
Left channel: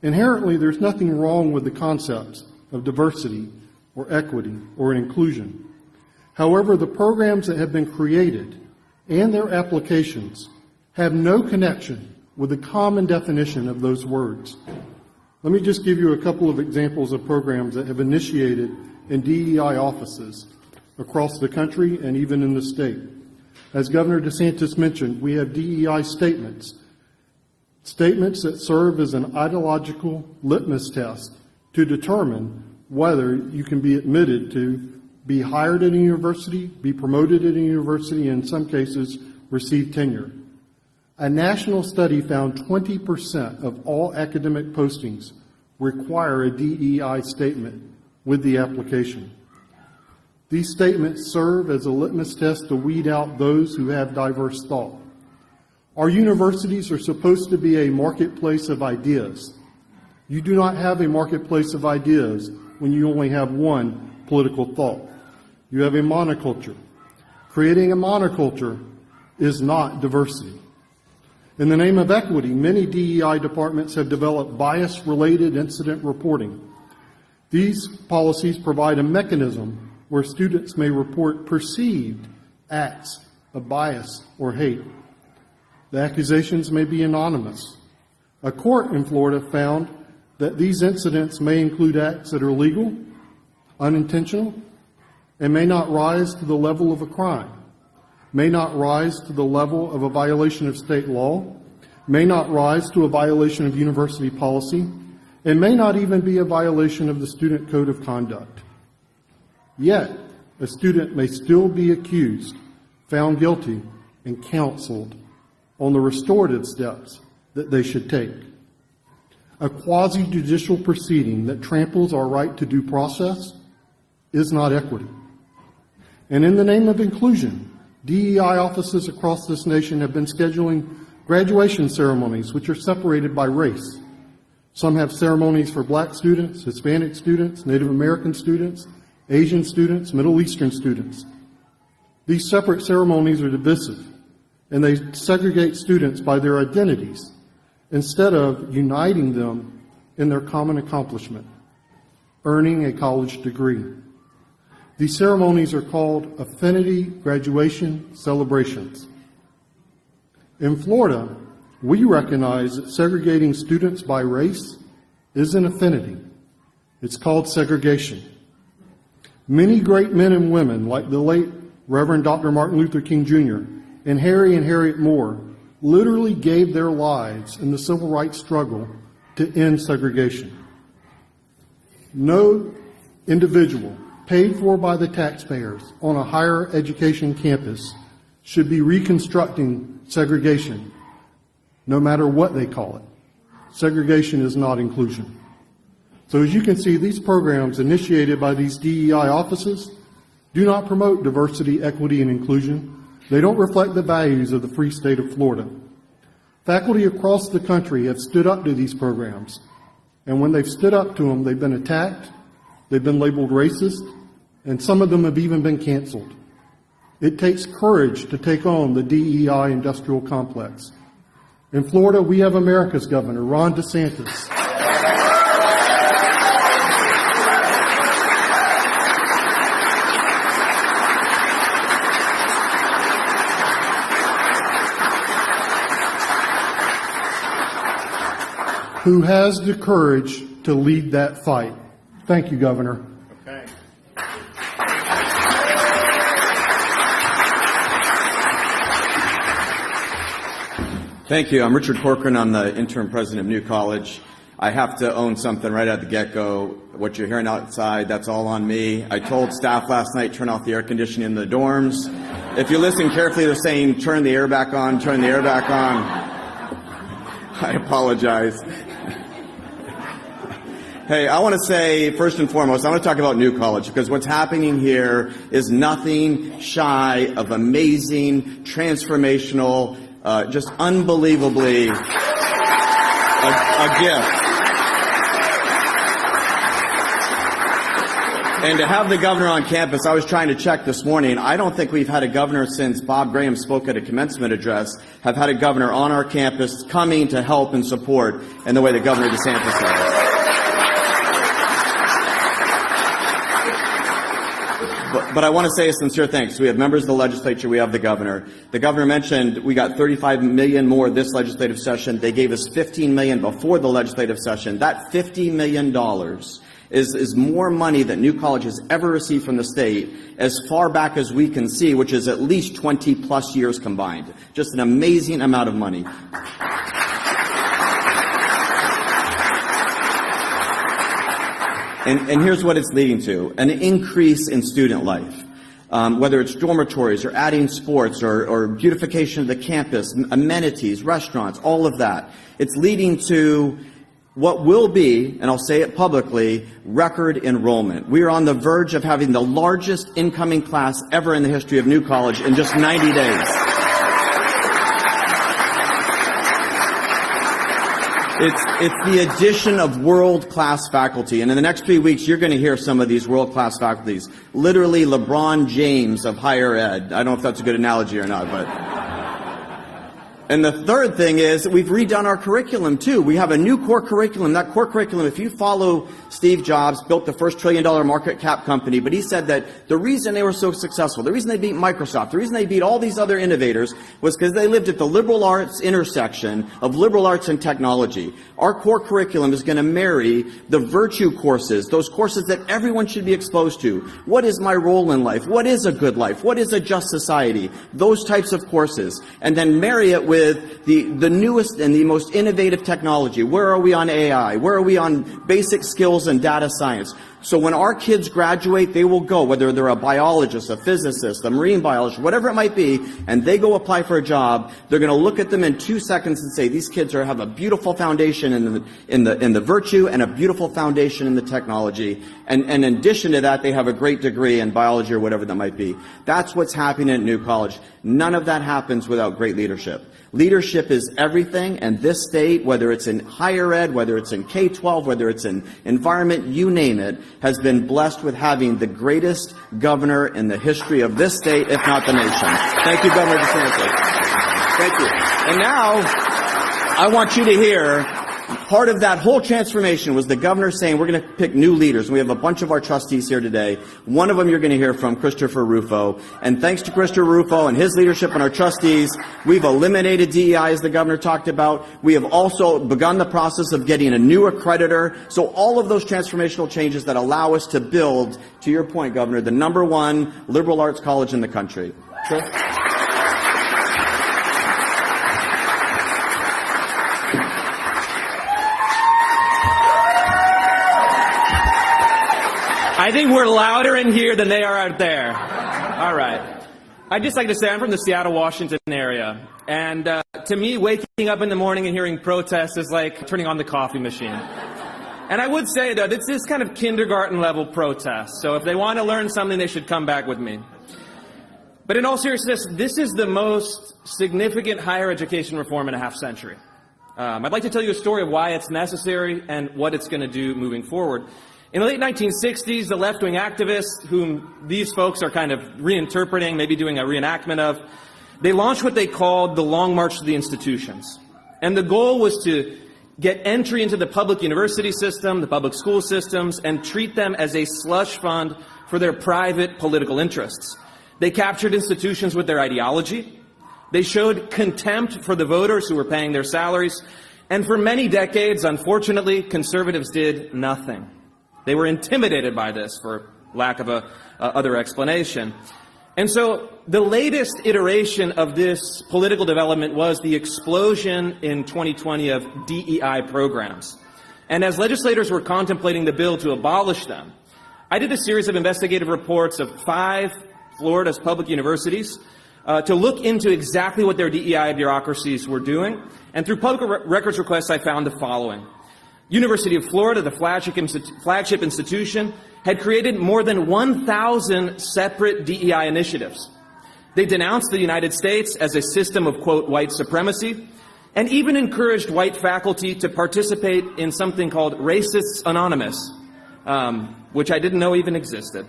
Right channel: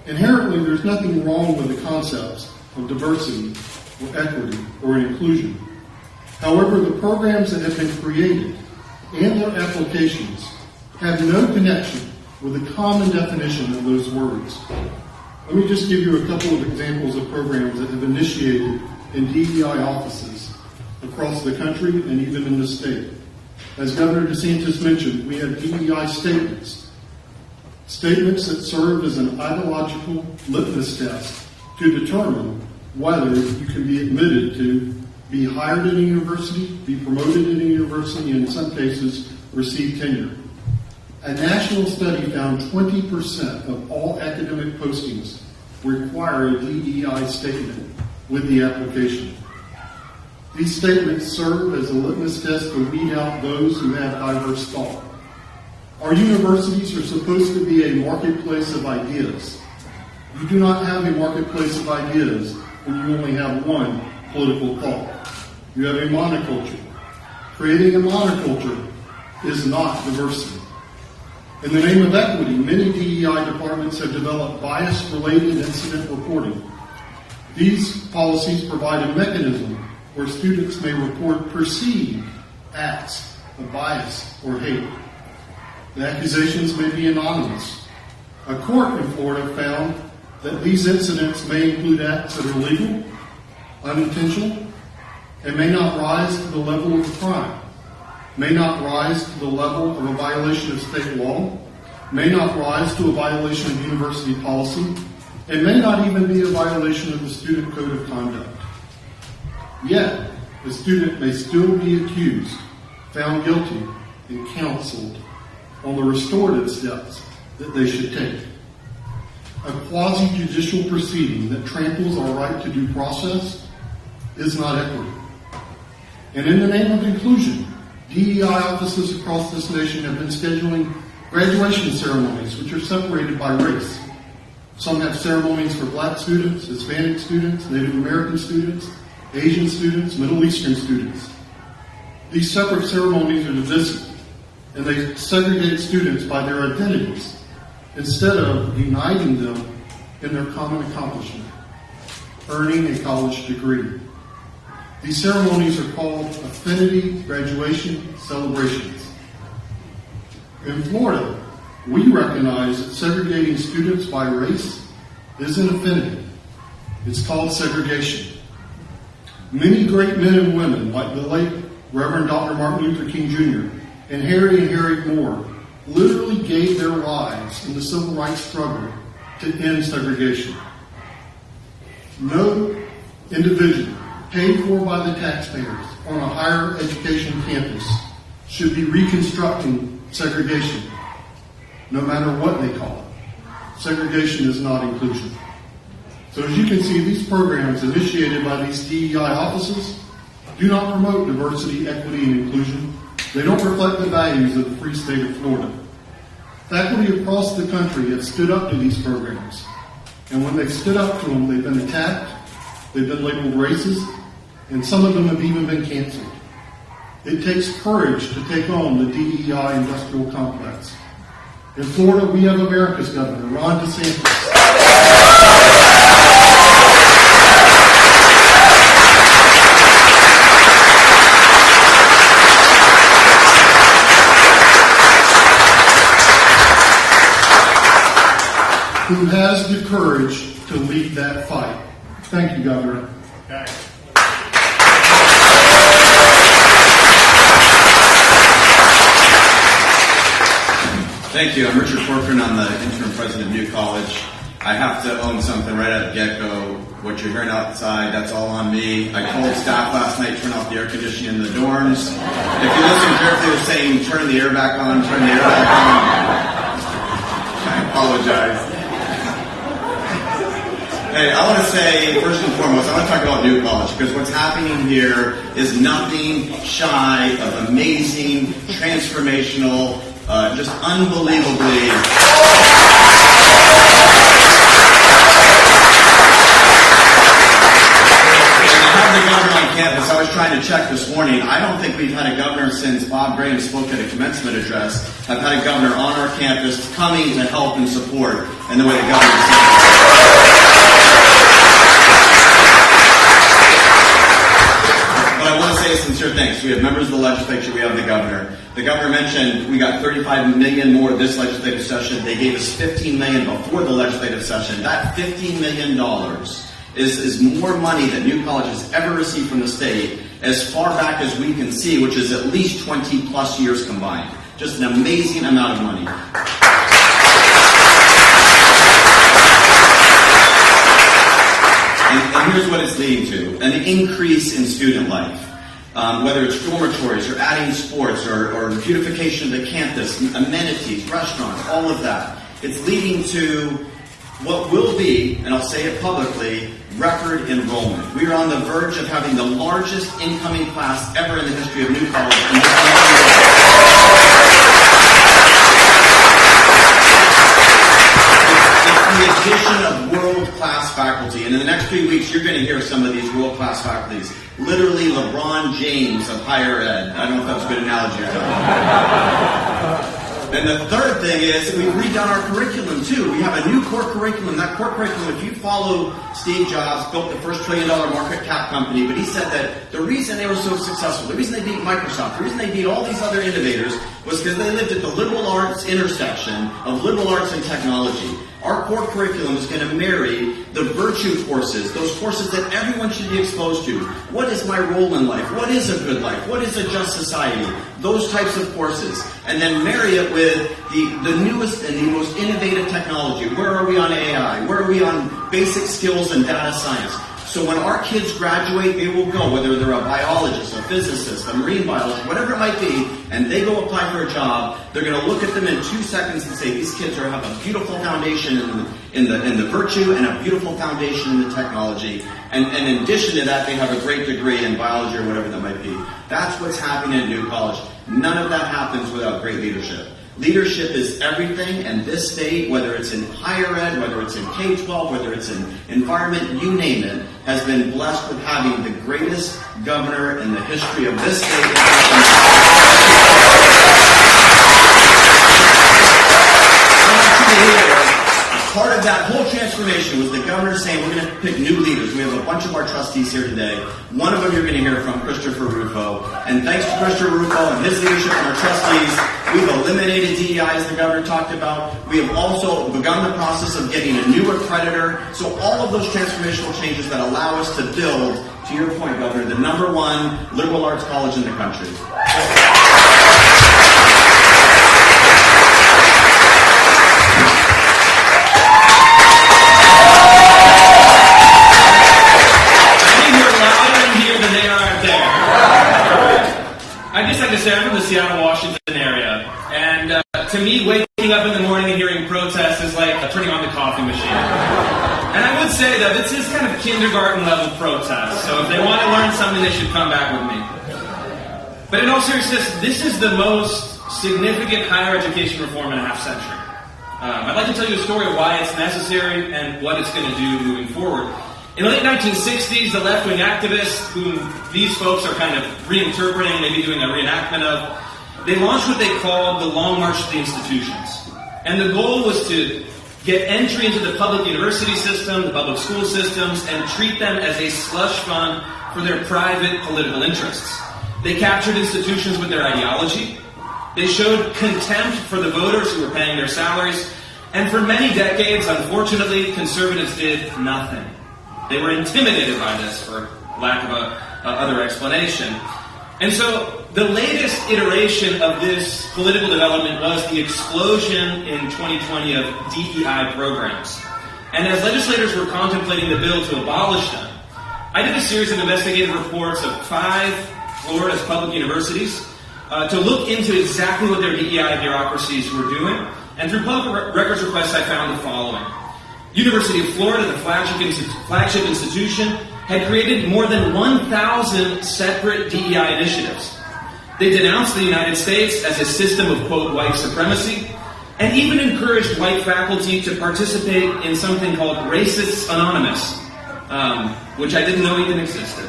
Inherently, there's nothing wrong with the concepts of diversity or equity or inclusion. However, the programs that have been created and their applications have no connection with the common definition of those words. Let me just give you a couple of examples of programs that have initiated in DEI offices across the country and even in the state. As Governor DeSantis mentioned, we have DEI statements. Statements that serve as an ideological litmus test to determine whether you can be admitted to be hired at a university, be promoted at a university, and in some cases, receive tenure. A national study found 20% of all academic postings require a DEI statement with the application. These statements serve as a litmus test to weed out those who have diverse thought. Our universities are supposed to be a marketplace of ideas. You do not have a marketplace of ideas when you only have one political thought. You have a monoculture. Creating a monoculture is not diversity. In the name of equity, many DEI departments have developed bias-related incident reporting. These policies provide a mechanism where students may report perceived acts of bias or hate. The accusations may be anonymous. A court in Florida found that these incidents may include acts that are legal, unintentional, and may not rise to the level of a crime, may not rise to the level of a violation of state law, may not rise to a violation of university policy, and may not even be a violation of the student code of conduct. Yet, a student may still be accused, found guilty, and counseled on the restorative steps that they should take. A quasi-judicial proceeding that tramples our right to due process is not equity. And in the name of inclusion, DEI offices across this nation have been scheduling graduation ceremonies which are separated by race. Some have ceremonies for Black students, Hispanic students, Native American students, Asian students, Middle Eastern students. These separate ceremonies are divisive, and they segregate students by their identities instead of uniting them in their common accomplishment, earning a college degree. These ceremonies are called Affinity graduation celebrations. In Florida, we recognize that segregating students by race is an affinity. It's called segregation. Many great men and women, like the late Reverend Dr. Martin Luther King Jr. and Harry and Harriet Moore, literally gave their lives in the civil rights struggle to end segregation. No individual paid for by the taxpayers on a higher education campus should be reconstructing segregation, no matter what they call it. Segregation is not inclusion. So as you can see, these programs initiated by these DEI offices do not promote diversity, equity, and inclusion. They don't reflect the values of the free state of Florida. Faculty across the country have stood up to these programs, and when they've stood up to them, they've been attacked, they've been labeled racist, and some of them have even been canceled. It takes courage to take on the DEI industrial complex. In Florida, we have America's governor, Ron DeSantis. Who has the courage to lead that fight. Thank you, Governor. Thank you. I'm Richard Corcoran. I'm the interim president of New College. I have to own something right at the get-go. What you're hearing outside, that's all on me. I told staff last night, turn off the air conditioning in the dorms. If you listen carefully, they're saying, turn the air back on, turn the air back on. I apologize. Hey, I want to say, first and foremost, I want to talk about New College, because what's happening here is nothing shy of amazing, transformational, just unbelievably... The governor on campus, I was trying to check this morning. I don't think we've had a governor since Bob Graham spoke at a commencement address. Have had a governor on our campus coming to help and support in the way the governor is saying. But I want to say a sincere thanks. We have members of the legislature, we have the governor. The governor mentioned we got $35 million more this legislative session. They gave us $15 million before the legislative session. That $15 million is more money that New College has ever received from the state as far back as we can see, which is at least 20 plus years combined. Just an amazing amount of money. And here's what it's leading to: an increase in student life. Whether it's dormitories or adding sports or beautification of the campus, amenities, restaurants, all of that. It's leading to what will be, and I'll say it publicly, record enrollment. We are on the verge of having the largest incoming class ever in the history of New College in just 90 days. It's the addition of world-class faculty. And in the next few weeks, you're going to hear some of these world-class faculties. Literally LeBron James of higher ed. I don't know if that's a good analogy or not. And the third thing is we've redone our curriculum too. We have a new core curriculum. That core curriculum, if you follow Steve Jobs, built the first $1 trillion market cap company, but he said that the reason they were so successful, the reason they beat Microsoft, the reason they beat all these other innovators was because they lived at the liberal arts intersection of liberal arts and technology. Our core curriculum is going to marry the virtue courses, those courses that everyone should be exposed to. What is my role in life? What is a good life? What is a just society? Those types of courses. And then marry it with the newest and the most innovative technology. Where are we on AI? Where are we on basic skills and data science? So when our kids graduate, they will go, whether they're a biologist, a physicist, a marine biologist, whatever it might be, and they go apply for a job, they're going to look at them in 2 seconds and say, these kids have a beautiful foundation in the virtue and a beautiful foundation in the technology. And in addition to that, they have a great degree in biology or whatever that might be. That's what's happening at New College. None of that happens without great leadership. Leadership is everything, and this state, whether it's in higher ed, whether it's in K-12, whether it's in environment, you name it, has been blessed with having the greatest governor in the history of this state, if not the most. I want you to hear, part of that whole transformation was the governor saying, we're going to pick new leaders. We have a bunch of our trustees here today. One of them you're going to hear from, Rufo. And thanks to Christopher Rufo and his leadership and our trustees, we've eliminated DEI, as the governor talked about. We have also begun the process of getting a new accreditor. So all of those transformational changes that allow us to build, to your point, Governor, the #1 liberal arts college in the country. I'm from the Seattle, Washington area, and to me, waking up in the morning and hearing protests is like turning on the coffee machine. And I would say that this is kind of kindergarten level protest, so if they want to learn something, they should come back with me. But in all seriousness, this is the most significant higher education reform in a half century. I'd like to tell you a story of why it's necessary and what it's going to do moving forward. In the late 1960s, the left-wing activists, whom these folks are kind of reinterpreting, maybe doing a reenactment of, they launched what they called the Long March to the Institutions. And the goal was to get entry into the public university system, the public school systems, and treat them as a slush fund for their private political interests. They captured institutions with their ideology. They showed contempt for the voters who were paying their salaries. And for many decades, unfortunately, conservatives did nothing. They were intimidated by this, for lack of a other explanation. And so the latest iteration of this political development was the explosion in 2020 of DEI programs. And as legislators were contemplating the bill to abolish them, I did a series of investigative reports of 5 Florida's public universities to look into exactly what their DEI bureaucracies were doing. And through public records requests, I found the following. University of Florida, the flagship institution, had created more than 1,000 separate DEI initiatives. They denounced the United States as a system of, quote, white supremacy, and even encouraged white faculty to participate in something called Racists Anonymous, which I didn't know even existed.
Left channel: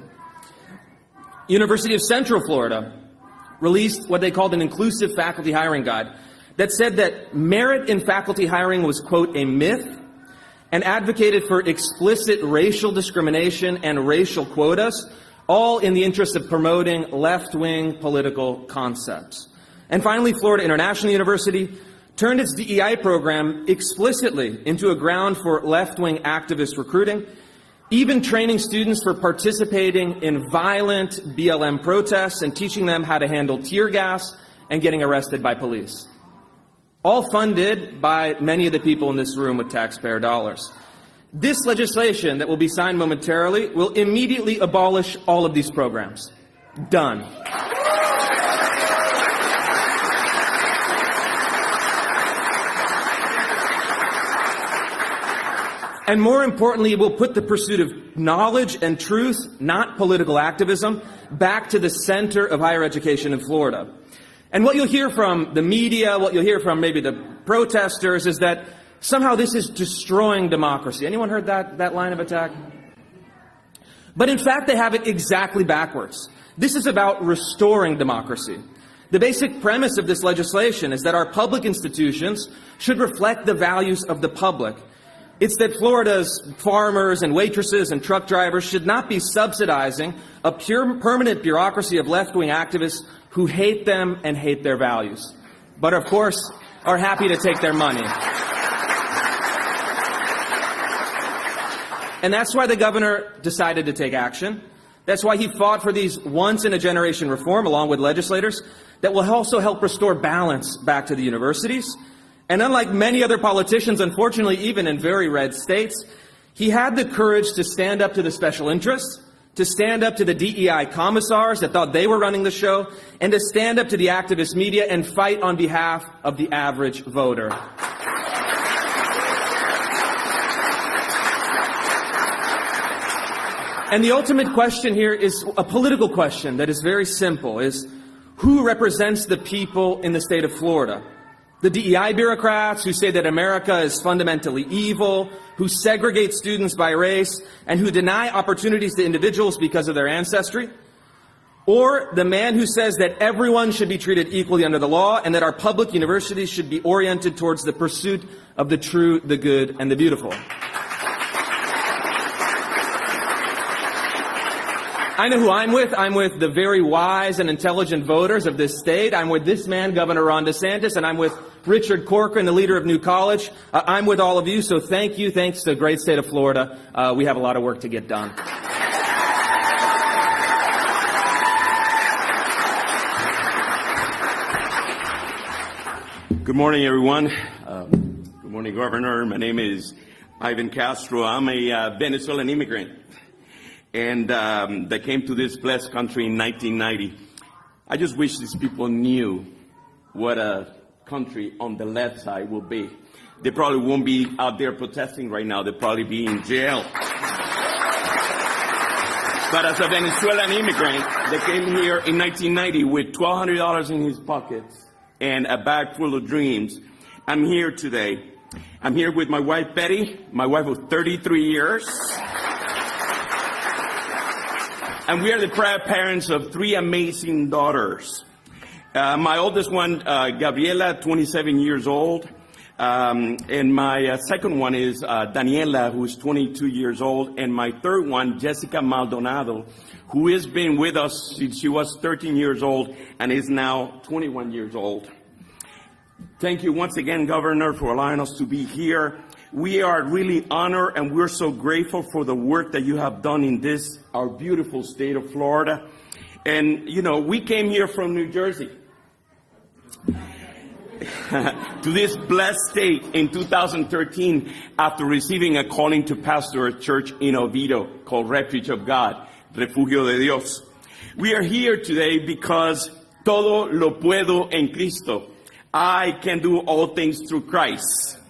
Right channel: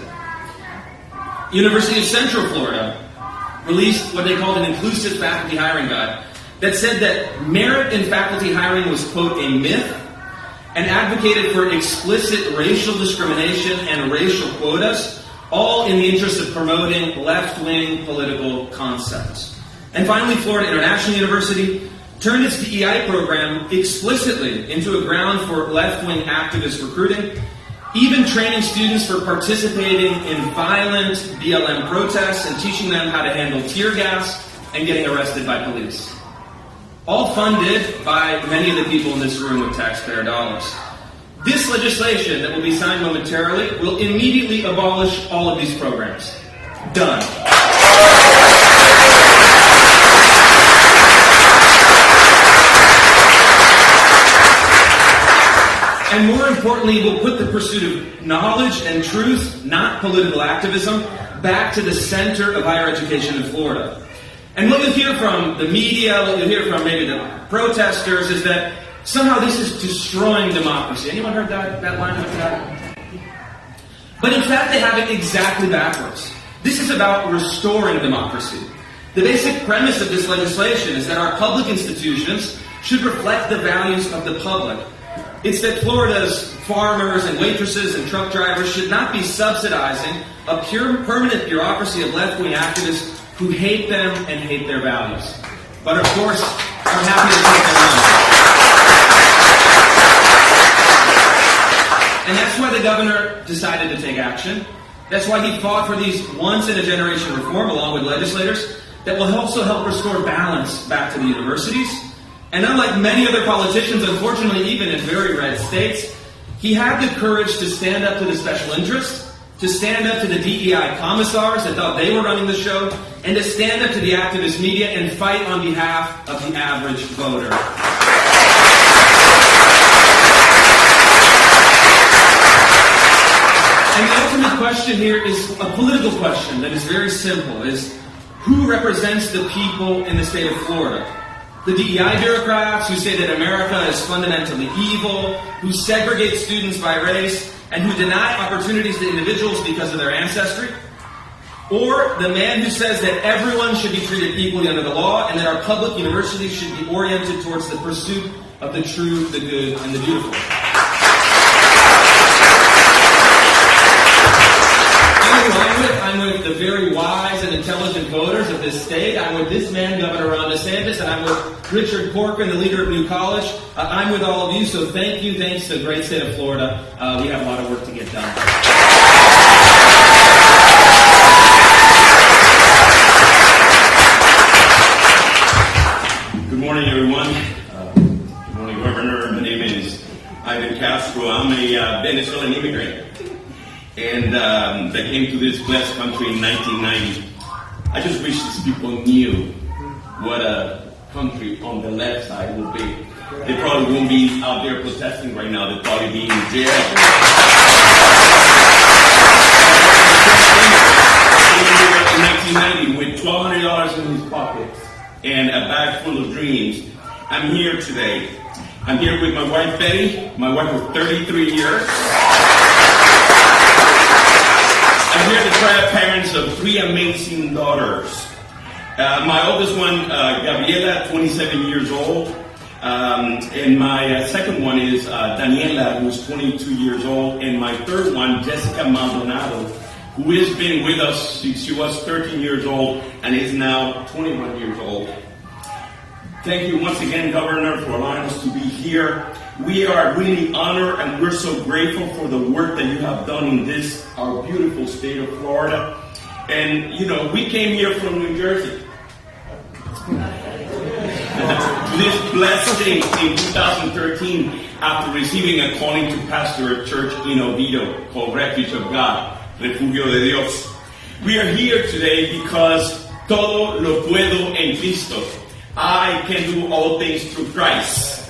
University of Central Florida released what they called an inclusive faculty hiring guide that said that merit in faculty hiring was, quote, a myth, and advocated for explicit racial discrimination and racial quotas, all in the interest of promoting left-wing political concepts. And finally, Florida International University turned its DEI program explicitly into a ground for left-wing activist recruiting, even training students for participating in violent BLM protests and teaching them how to handle tear gas and getting arrested by police. All funded by many of the people in this room with taxpayer dollars. This legislation that will be signed momentarily will immediately abolish all of these programs. Done. And more importantly, we'll put the pursuit of knowledge and truth, not political activism, back to the center of higher education in Florida. And what you'll hear from the media, what you'll hear from maybe the protesters, is that somehow this is destroying democracy. Anyone heard that line like that? But in fact, they have it exactly backwards. This is about restoring democracy. The basic premise of this legislation is that our public institutions should reflect the values of the public. It's that Florida's farmers and waitresses and truck drivers should not be subsidizing a pure permanent bureaucracy of left-wing activists who hate them and hate their values, but of course are happy to take their money. And that's why the governor decided to take action. That's why he fought for these once-in-a-generation reform along with legislators that will also help restore balance back to the universities. And unlike many other politicians, unfortunately even in very red states, he had the courage to stand up to the special interests, to stand up to the DEI commissars that thought they were running the show, and to stand up to the activist media and fight on behalf of the average voter. And the ultimate question here is a political question that is very simple, is who represents the people in the state of Florida? The DEI bureaucrats who say that America is fundamentally evil, who segregate students by race, and who deny opportunities to individuals because of their ancestry? Or the man who says that everyone should be treated equally under the law and that our public universities should be oriented towards the pursuit of the true, the good, and the beautiful? I'm with the very wise and intelligent voters of this state. I'm with this man, Governor Ron DeSantis, and I'm with Richard Corcoran, the leader of New College. I'm with all of you, so thank you. Thanks to the great state of Florida. We have a lot of work to get done. Good morning, everyone. Good morning, Governor. My name is Ivan Castro. I'm a Venezuelan immigrant. And they came to this blessed country in 1990. I just wish these people knew what a country on the left side will be. They probably won't be out there protesting right now. They'll probably be in jail. In 1990, with $1,200 in his pockets and a bag full of dreams, I'm here today. I'm here with my wife, Betty, my wife of 33 years. I'm here to try parents of 3 amazing daughters. My oldest one, Gabriela, 27 years old. And my second one is Daniela, who's 22 years old. And my third one, Jessica Maldonado, who has been with us since she was 13 years old and is now 21 years old. Thank you once again, Governor, for allowing us to be here. We are really honored and we're so grateful for the work that you have done in this, our beautiful state of Florida. And, we came here from New Jersey to this blessed state in 2013 after receiving a calling to pastor a church in Oviedo called Refuge of God, Refugio de Dios. We are here today because todo lo puedo en Cristo. I can do all things through Christ.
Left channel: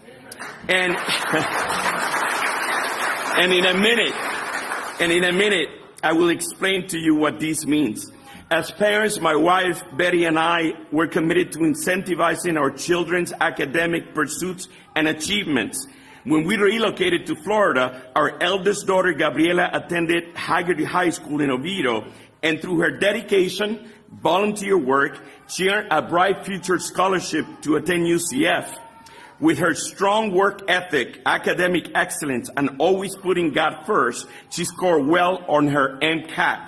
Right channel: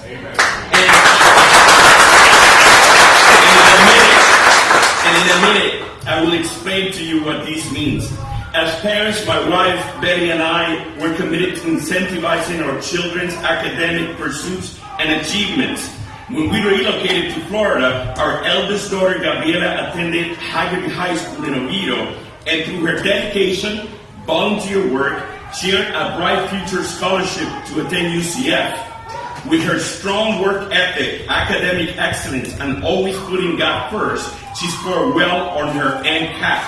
And in a minute, I will explain to you what this means. As parents, my wife, Betty, and I were committed to incentivizing our children's academic pursuits and achievements. When we relocated to Florida, our eldest daughter, Gabriela, attended Haggerty High School in Oviedo, and through her dedication, volunteer work, she earned a Bright Future Scholarship to attend UCF. With her strong work ethic, academic excellence, and always putting God first, she scored well on her MCAT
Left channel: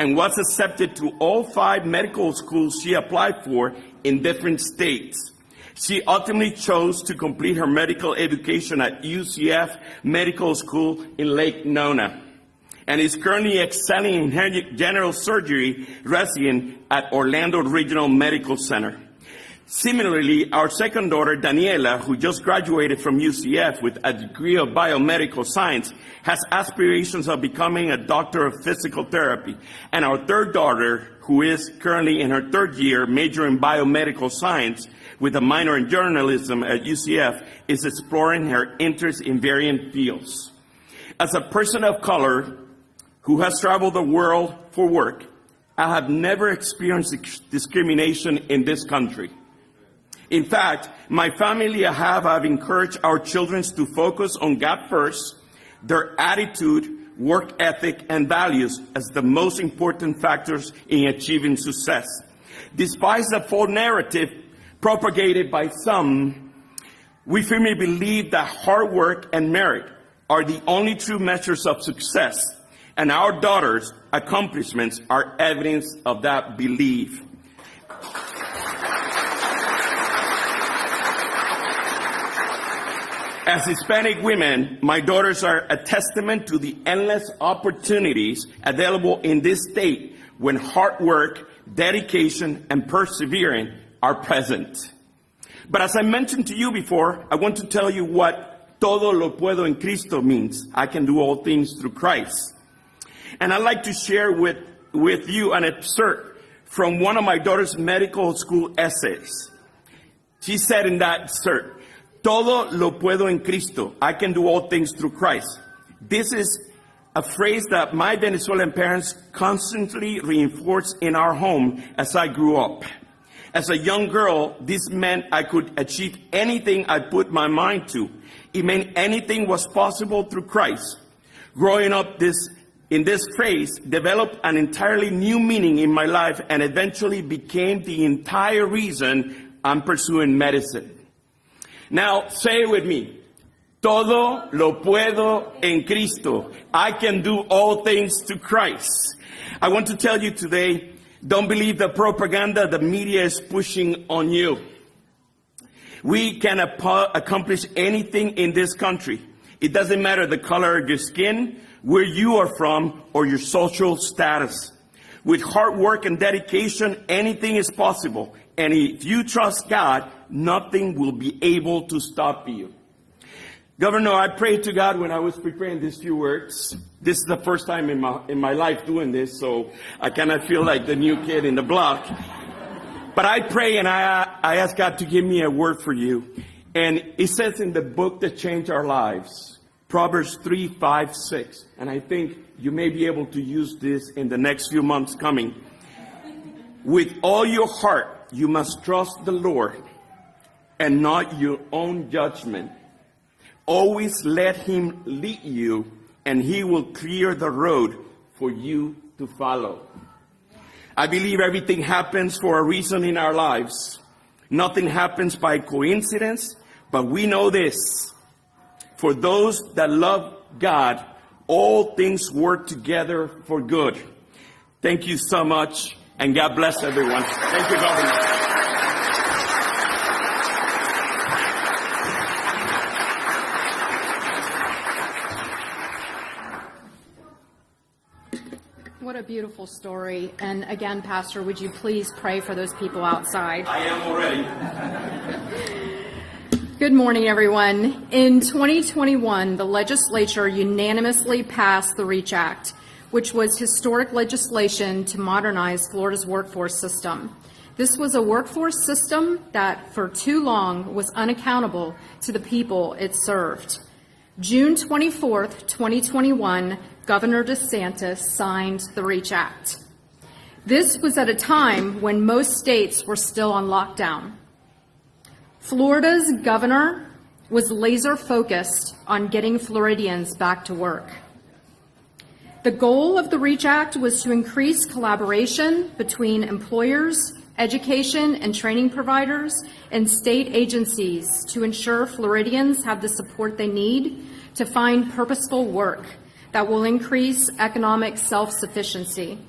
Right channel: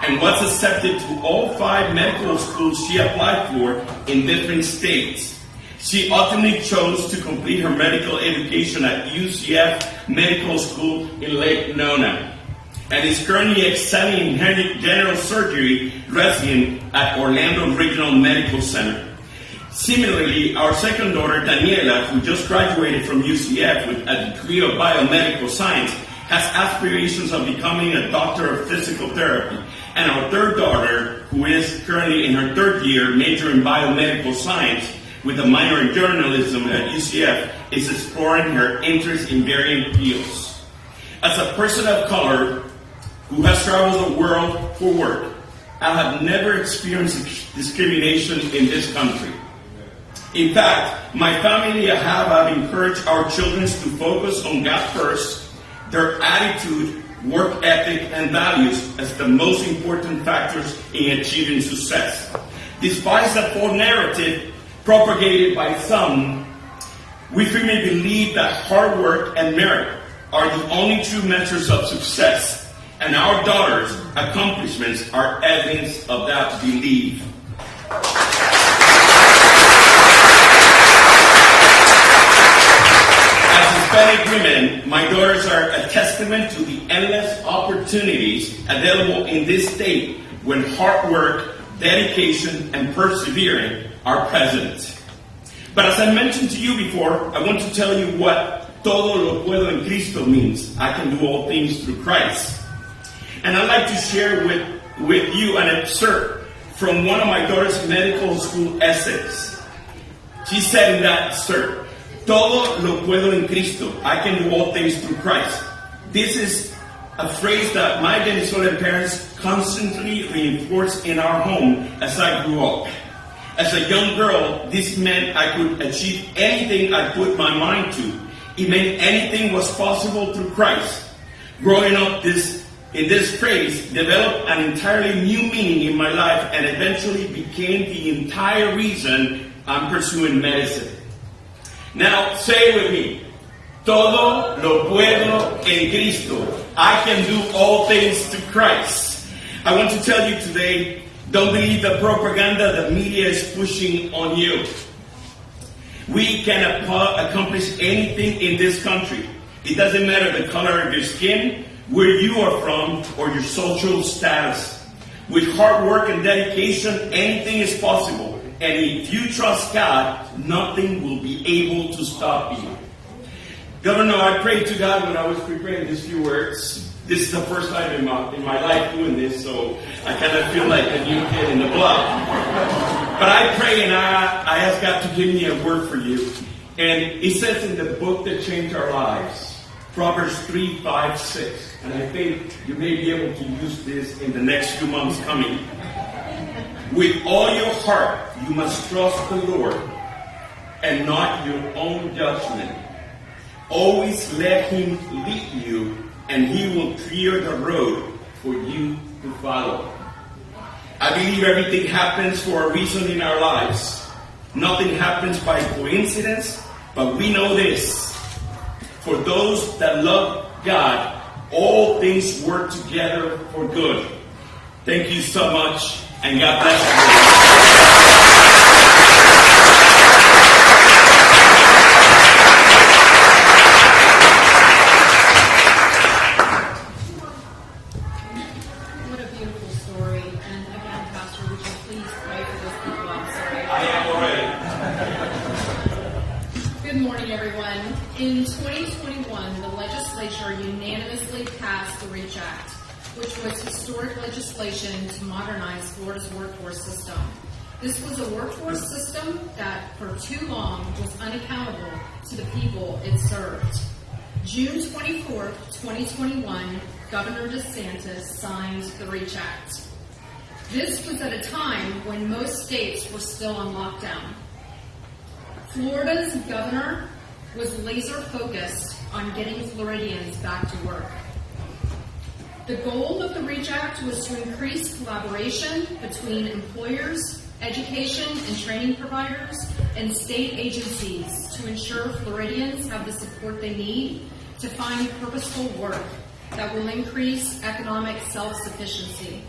and was accepted to all 5 medical schools she applied for in different states. She ultimately chose to complete her medical education at UCF Medical School in Lake Nona, and is currently excelling in general surgery resident at Orlando Regional Medical Center. Similarly, our second daughter, Daniela, who just graduated from UCF with a degree of biomedical science, has aspirations of becoming a doctor of physical therapy. And our third daughter, who is currently in her 3rd year, majoring in biomedical science with a minor in journalism at UCF, is exploring her interest in varying fields. As a person of color who has traveled the world for work, I have never experienced discrimination in this country. In fact, my family and I have encouraged our children to focus on God first, their attitude, work ethic, and values as the most important factors in achieving success. Despite the false narrative propagated by some, we firmly believe that hard work and merit are the only true measures of success, and our daughters' accomplishments are evidence of that belief. Hispanic women, my daughters are a testament to the endless opportunities available in this state when hard work, dedication, and persevering are present. But as I mentioned to you before, I want to tell you what todo lo puedo en Cristo means. I can do all things through Christ. And I'd like to share with you an excerpt from one of my daughter's medical school essays. She said in that excerpt, todo lo puedo en Cristo. I can do all things through Christ. This is a phrase that my Venezuelan parents constantly reinforced in our home as I grew up. As a young girl, this meant I could achieve anything I put my mind to. It meant anything was possible through Christ. Growing up in this phrase developed an entirely new meaning in my life and eventually became the entire reason I'm pursuing medicine. Now, say it with me. Todo lo puedo en Cristo. I can do all things through Christ. I want to tell you today, don't believe the propaganda the media is pushing on you. We can accomplish anything in this country. It doesn't matter the color of your skin, where you are from, or your social status. With hard work and dedication, anything is possible. And if you trust God, nothing will be able to stop you. Governor, I prayed to God when I was preparing these few words. This is the first time in my life doing this, so I kind of feel like a new kid in the block. But I pray and I ask God to give me a word for you. And it says in the book that changed our lives, Proverbs 3, 5, 6. And I think you may be able to use this in the next few months coming. With all your heart, you must trust the Lord and not your own judgment. Always let Him lead you, and He will clear the road for you to follow. I believe everything happens for a reason in our lives. Nothing happens by coincidence, but we know this. For those that love God, all things work together for good. Thank you so much. And God bless everyone. What a beautiful story. And again, please pray for those people outside. I am ready. Good morning, everyone. In 2021, the legislature unanimously passed the REACH Act, which was historic legislation to modernize Florida's workforce system. This was a workforce system that for too long was unaccountable to the people it served. June 24th, 2021, Governor DeSantis signed the REACH Act. This was at a time when most states were still on lockdown. Florida's governor was laser focused on getting Floridians back to work. The goal of the REACH Act was to increase collaboration between employers, education and training providers, and state agencies to ensure Floridians have the support they need to find purposeful work that will increase economic self-sufficiency.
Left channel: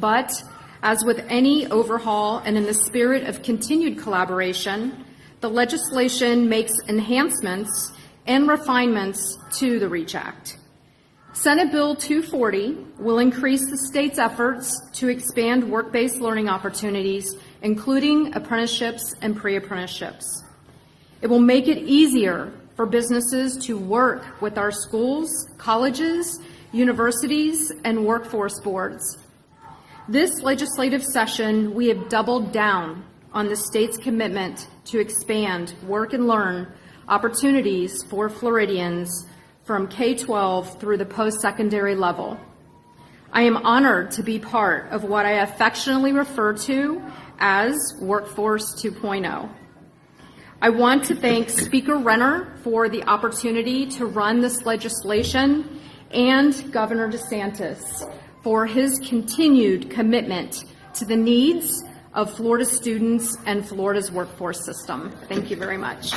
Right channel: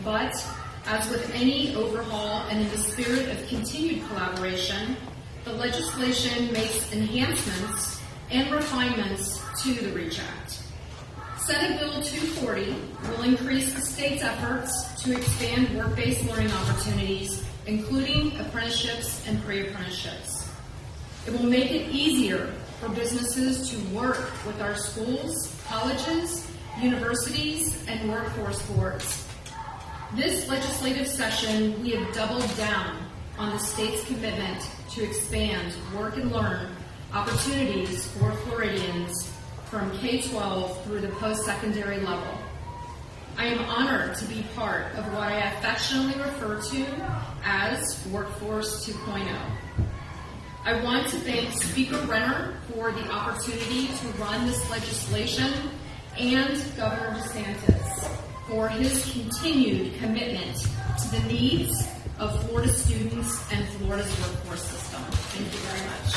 But, as with any overhaul and in the spirit of continued collaboration, the legislation makes enhancements and refinements to the REACH Act. Senate Bill 240 will increase the state's efforts to expand work-based learning opportunities, including apprenticeships and pre-apprenticeships. It will make it easier for businesses to work with our schools, colleges, universities, and workforce boards. This legislative session, we have doubled down on the state's commitment to expand work and learn opportunities for Floridians from K-12 through the post-secondary level. I am honored to be part of what I affectionately refer to as Workforce 2.0. I want to thank Speaker Renner for the opportunity to run this legislation and Governor DeSantis for his continued commitment to the needs of Florida students and Florida's workforce system. Thank you very much.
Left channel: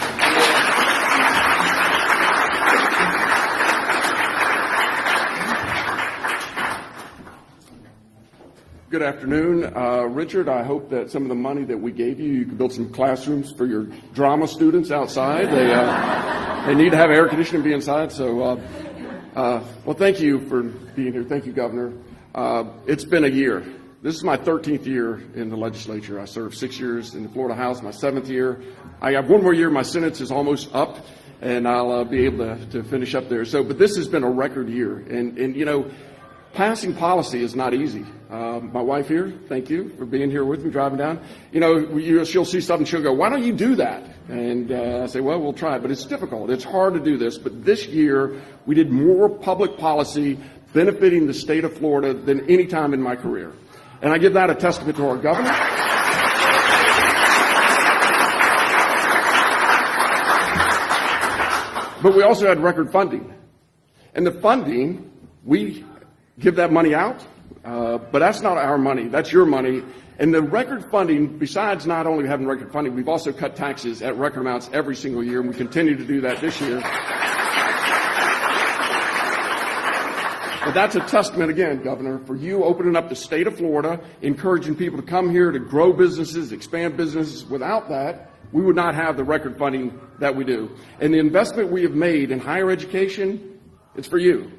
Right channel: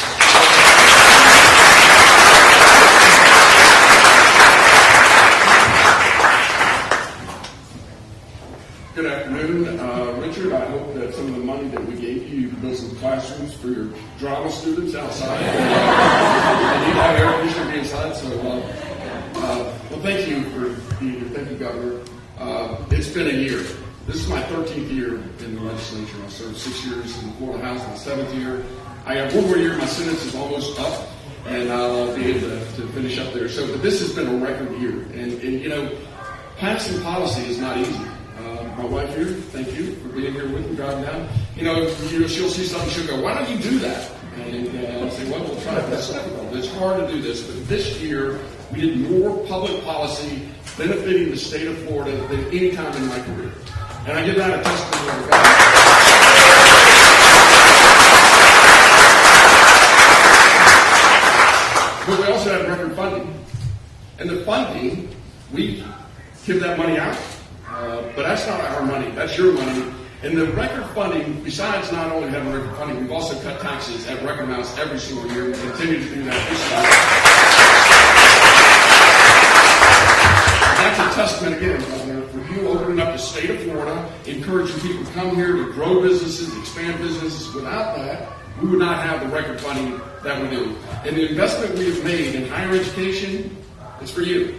Good afternoon. Richard, I hope that some of the money that we gave you, you can build some classrooms for your drama students outside. They need to have air conditioning to be inside. So, well, thank you for being here. Thank you, Governor. It's been a year. This is my 13th year in the legislature. I served 6 years in the Florida House, my 7th year. I got one more year. My sentence is almost up, and I'll be able to finish up there. So, but this has been a record year. And you know, passing policy is not easy. My wife here, thank you for being here with me, driving down. You know, she'll see something, she'll go, why don't you do that? And I'll say, well, we'll try it. But it's difficult. It's hard to do this. But this year, we did more public policy benefiting the state of Florida than any time in my career. And I give that a testament to our government. But we also had record funding. And the funding, we give that money out. But that's not our money. That's your money. And the record funding, besides not only having record funding, we've also cut taxes at record amounts every single year. We continue to do that this year. But that's a testament, again, Governor, for you opening up the state of Florida, encouraging people to come here to grow businesses, expand businesses. Without that, we would not have the record funding that we do. And the investment we have made in higher education, it's for you.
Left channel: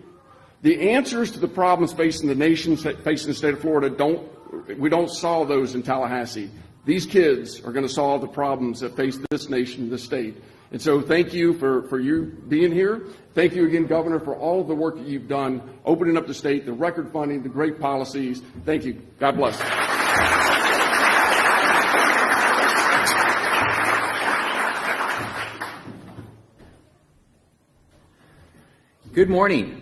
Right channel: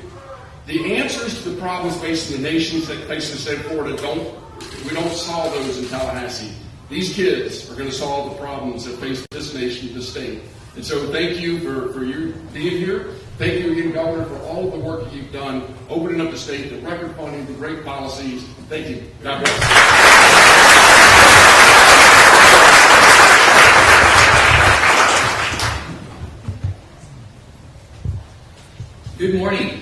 The answers to the problems facing the nation, facing the state of Florida, we don't solve those in Tallahassee. These kids are going to solve the problems that face this nation, this state. And so thank you for you being here. Thank you again, Governor, for all of the work that you've done, opening up the state, the record funding, the great policies. Thank you. God bless. Good morning.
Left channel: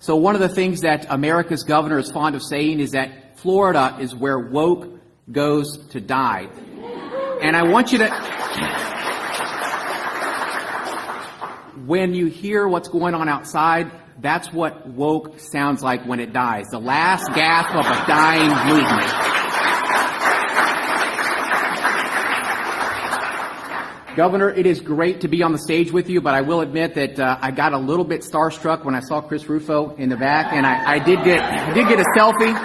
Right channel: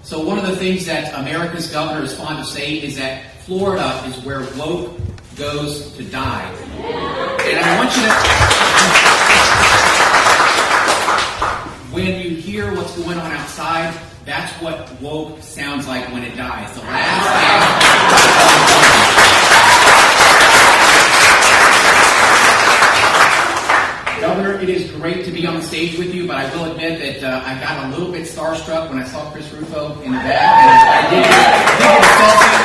So one of the things that America's governor is fond of saying is that Florida is where woke goes to die. And I want you to, when you hear what's going on outside, that's what woke sounds like when it dies. The last gasp of a dying movement. Governor, it is great to be on the stage with you, but I will admit that I got a little bit starstruck when I saw Chris Rufo in the back, and I did get a selfie.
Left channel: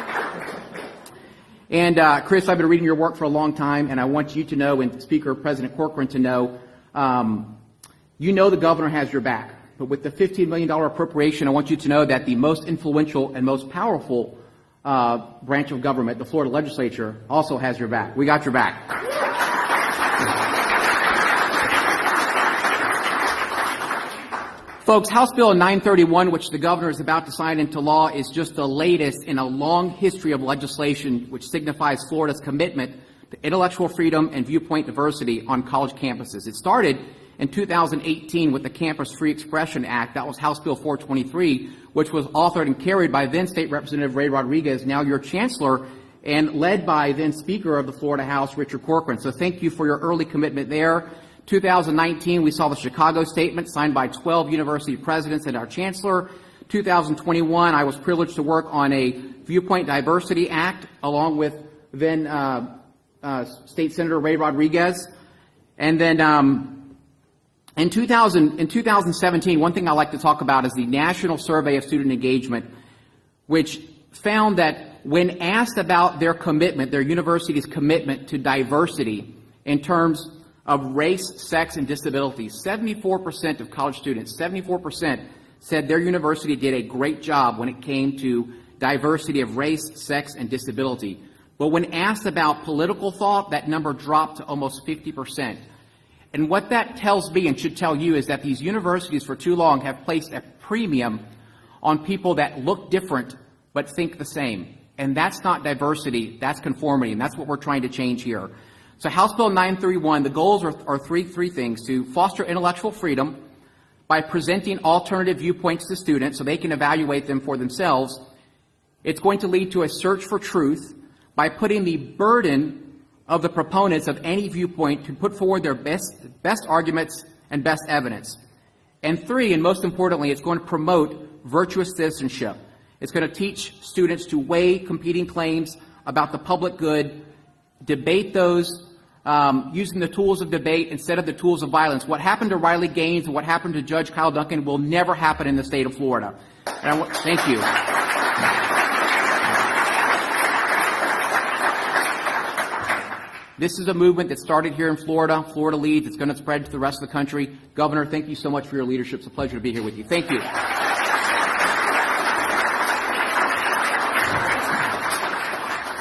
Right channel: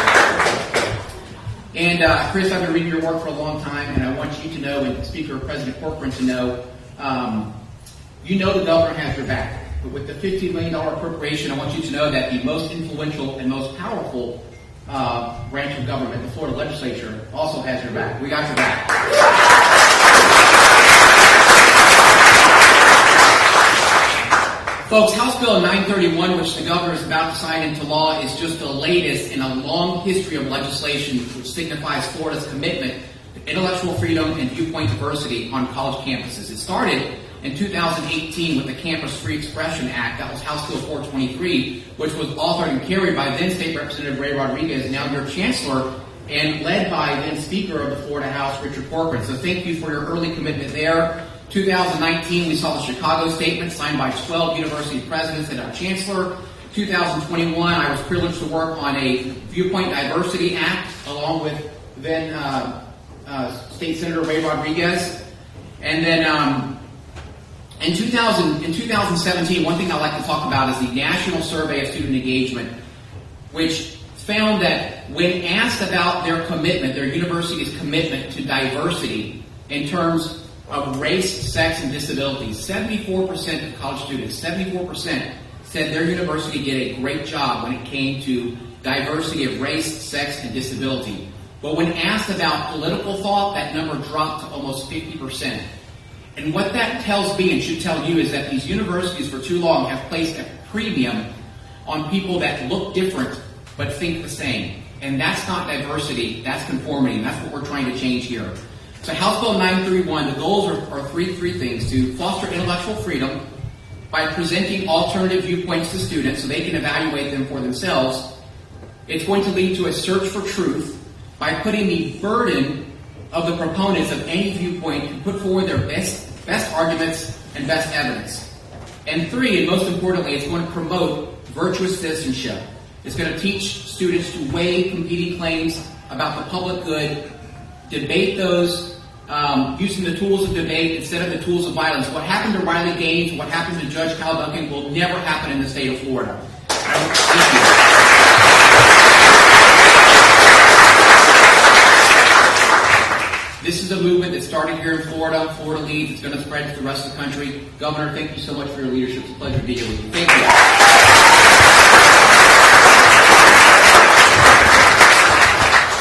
And Chris, I've been reading your work for a long time, and I want you to know, and Speaker President Corcoran to know, you know the governor has your back. But with the $15 million appropriation, I want you to know that the most influential and most powerful branch of government, the Florida legislature, also has your back. We got your back. Folks, House Bill 931, which the governor is about to sign into law, is just the latest in a long history of legislation which signifies Florida's commitment to intellectual freedom and viewpoint diversity on college campuses. It started in 2018 with the Campus Free Expression Act. That was House Bill 423, which was authored and carried by then State Representative Ray Rodriguez, now your Chancellor, and led by then Speaker of the Florida House, Richard Corcoran. So thank you for your early commitment there. 2019, we saw the Chicago Statement signed by 12 university presidents and our Chancellor. 2021, I was privileged to work on a Viewpoint Diversity Act along with then State Senator Ray Rodriguez. And then in 2017, one thing I like to talk about is the National Survey of Student Engagement, which found that when asked about their commitment, their university's commitment to diversity in terms of race, sex, and disability, 74% of college students, 74% said their university did a great job when it came to diversity of race, sex, and disability. But when asked about political thought, that number dropped to almost 50%. And what that tells me and should tell you is that these universities for too long have placed a premium on people that look different but think the same. And that's not diversity, that's conformity, and that's what we're trying to change here. So House Bill 931, the goals are three things: to foster intellectual freedom by presenting alternative viewpoints to students so they can evaluate them for themselves. It's going to lead to a search for truth by putting the burden of the proponents of any viewpoint to put forward their best arguments and best evidence. And three, and most importantly, it's going to promote virtuous citizenship. It's going to teach students to weigh competing claims about the public good, debate those using the tools of debate instead of the tools of violence. What happened to Riley Gaines, what happened to Judge Kyle Duncan will never happen in the state of Florida. Thank you. This is a movement that started here in Florida. Florida leads. It's going to spread to the rest of the country. Governor, thank you so much for your leadership. It's a pleasure to be here with you. Thank you.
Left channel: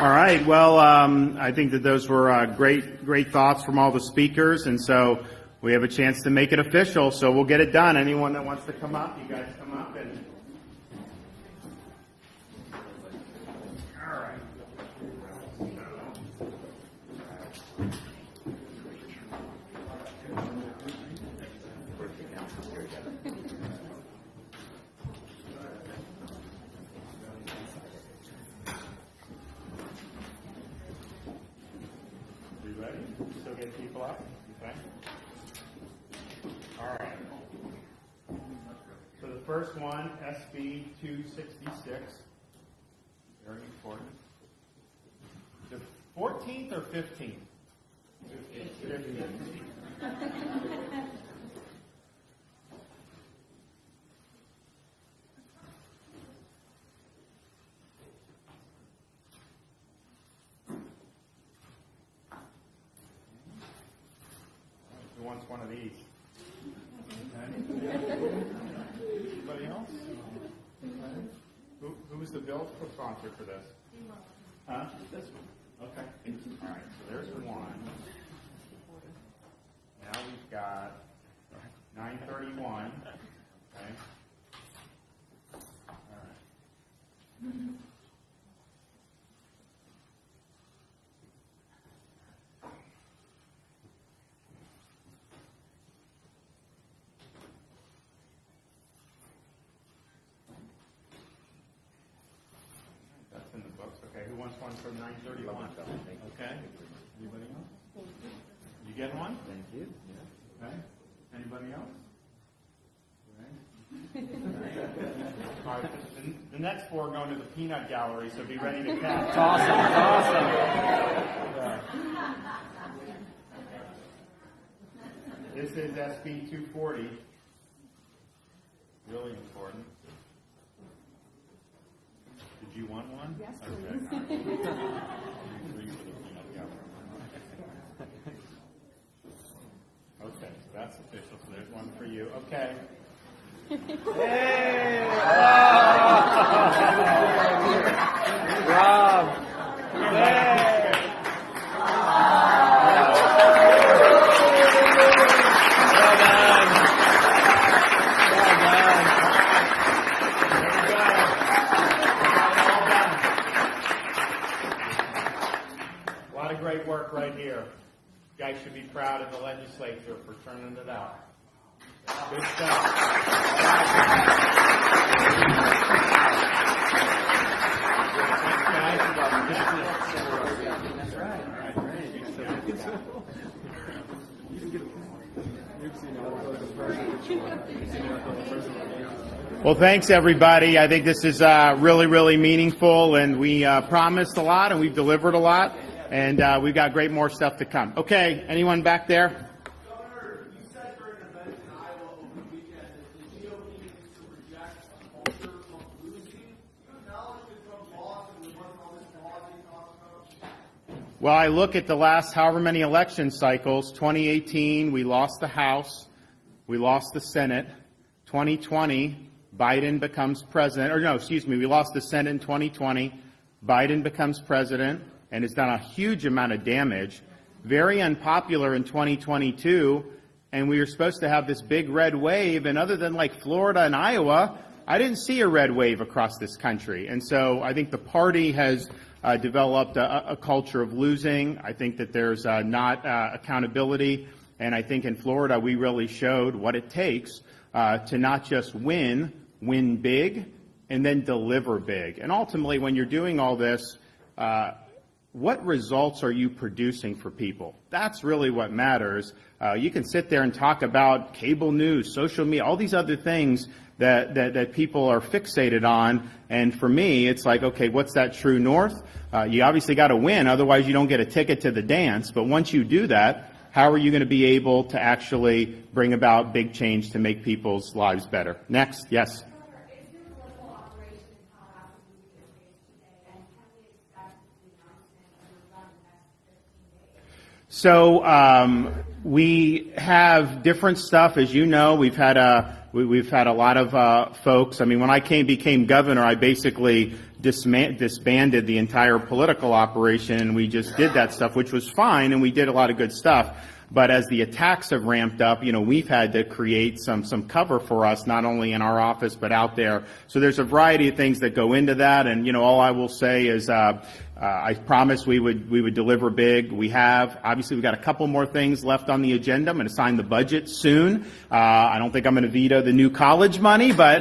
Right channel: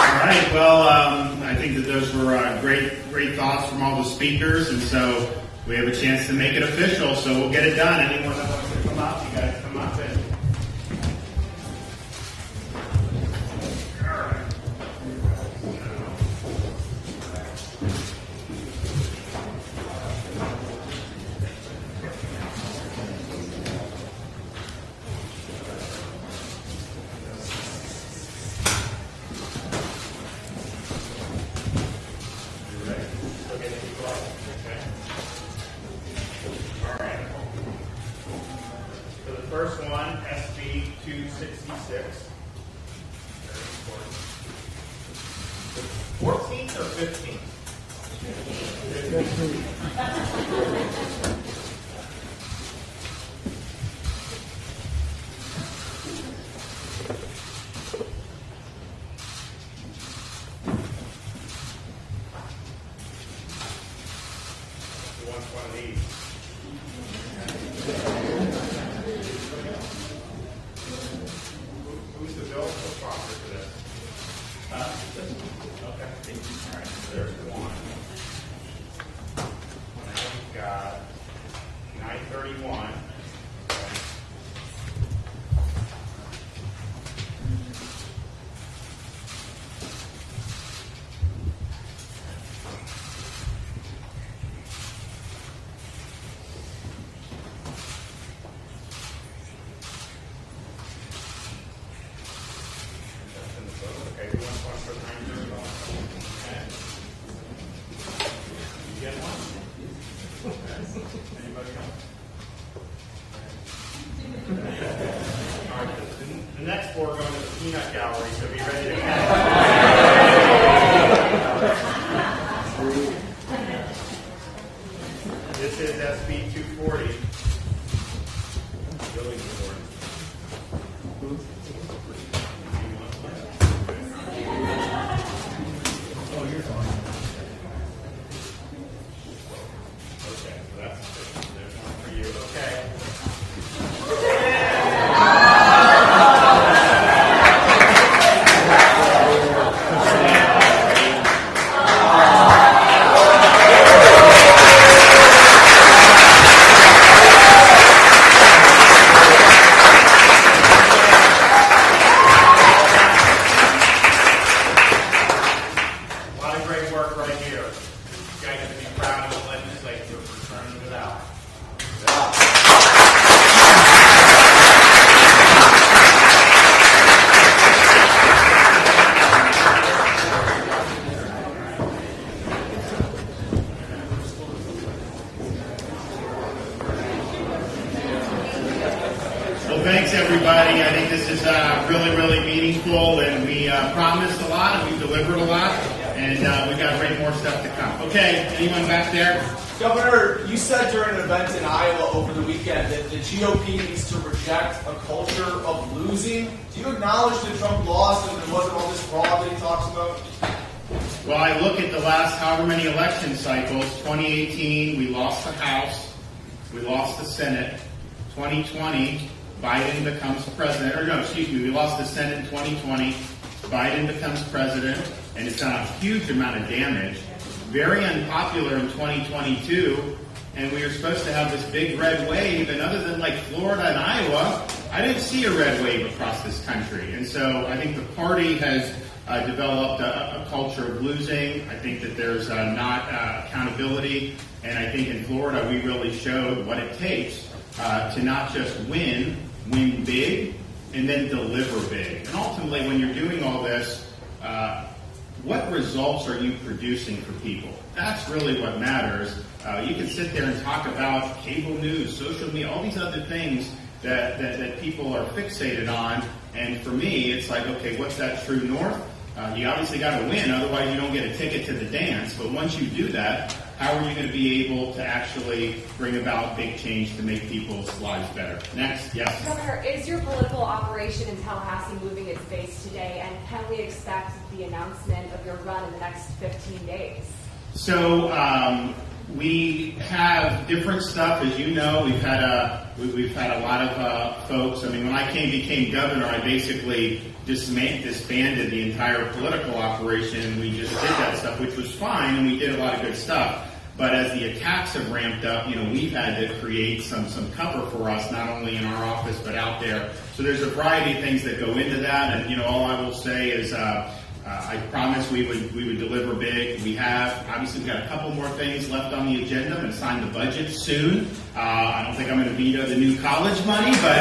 All right. Well, I think that those were great thoughts from all the speakers, and so we have a chance to make it official. So we'll get it done. Anyone that wants to come up, you guys come up and. First one, SB 266. 14th or 15th? 15th. Next, we're going to the peanut gallery, so be ready to This is SB 240. Building report. Oh, you're fine. Okay, so there's one for you. Okay. proud of the legislature for turning it out. Well, thanks, everybody. I think this is really, really meaningful, and we promised a lot, and we've delivered a lot, and we've got great more stuff to come. Okay, anyone back there? Governor, you said during an event in Iowa over the weekend that the GOP needs to reject a culture of losing. Do you acknowledge that Trump lost and there wasn't all this fraud that he talks about? Well, I look at the last however many election cycles. 2018, we lost the House. We lost the Senate. 2020, Biden becomes president. We lost the Senate in 2020. Biden becomes president, and it's done a huge amount of damage. Very unpopular in 2022, and we were supposed to have this big red wave, and other than like Florida and Iowa, I didn't see a red wave across this country. And so I think the party has developed a culture of losing. I think that there's not accountability, and I think in Florida we really showed what it takes to not just win big, and then deliver big. And ultimately, when you're doing all this, what results are you producing for people? That's really what matters. You can sit there and talk about cable news, social media, all these other things that people are fixated on. And for me, it's like, okay, what's that true north? You obviously got to win, otherwise you don't get a ticket to the dance. But once you do that, how are you going to be able to actually bring about big change to make people's lives better? Next, yes. Governor, is your political operation in Tallahassee moving its base today, and can we expect the announcement of your run in the next 15 days? So we have different stuff, as you know. We've had a lot of folks. I mean, when I became governor, I basically disbanded the entire political operation. We just did that stuff, which was fine, and we did a lot of good stuff. But as the attacks have ramped up, we've had to create some cover for us, not only in our office but out there. So there's a variety of things that go into that, and all I will say is I promised we would deliver big. We have. Obviously, we've got a couple more things left on the agenda. I'm going to sign the budget soon. I don't think I'm going to veto the new college money, but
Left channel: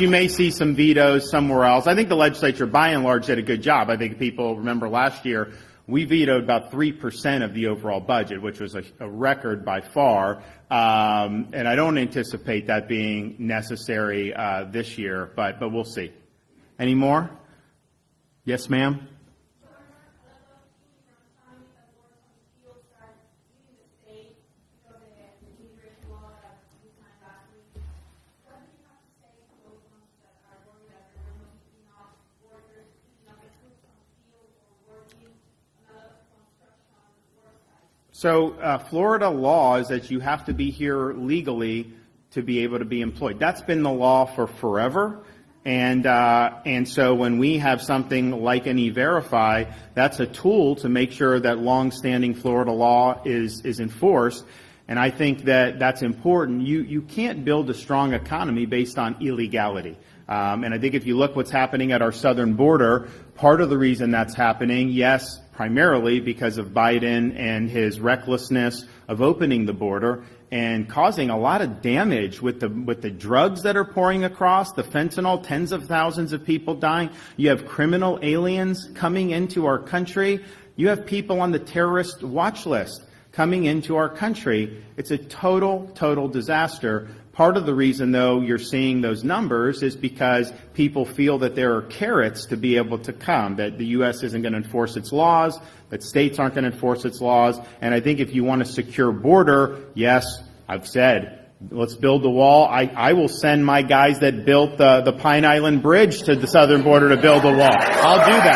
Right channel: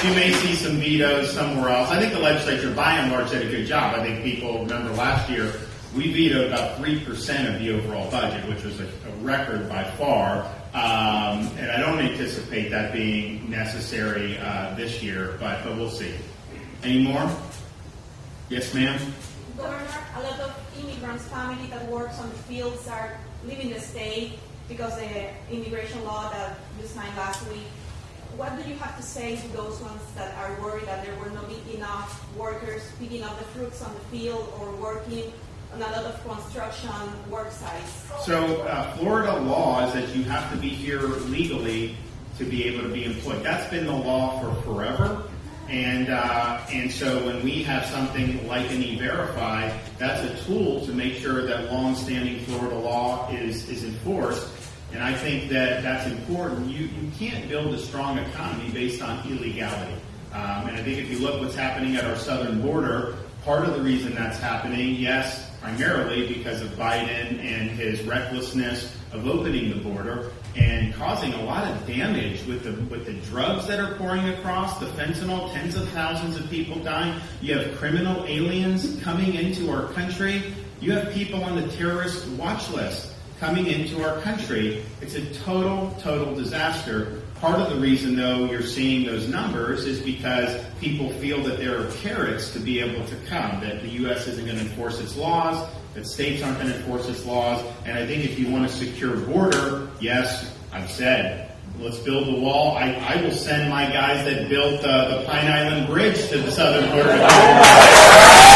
you may see some vetoes somewhere else. I think the legislature, by and large, did a good job. I think people remember last year we vetoed about 3% of the overall budget, which was a record by far. And I don't anticipate that being necessary this year, but we'll see. Any more? Yes, ma'am? Governor, a lot of immigrants' family that works on the fields are leaving the state because of the immigration law that you signed last week. What do you have to say to those ones that are worried that there will not be enough workers picking up the fruits on the field or working on a lot of construction work sites? So Florida law is that you have to be here legally to be able to be employed. That's been the law for forever. And so when we have something like an E-Verify, that's a tool to make sure that long-standing Florida law is enforced. And I think that that's important. You can't build a strong economy based on illegality. And I think if you look what's happening at our southern border, part of the reason that's happening, yes, primarily because of Biden and his recklessness of opening the border and causing a lot of damage with the drugs that are pouring across, the fentanyl, tens of thousands of people dying. You have criminal aliens coming into our country. You have people on the terrorist watch list coming into our country. It's a total disaster. Part of the reason, though, you're seeing those numbers is because people feel that there are carrots to be able to come, that the U.S. isn't going to enforce its laws, that states aren't going to enforce its laws. And I think if you want a secure border, yes, I've said, let's build the wall. I will send my guys that built the Pine Island Bridge to the southern border to build a wall.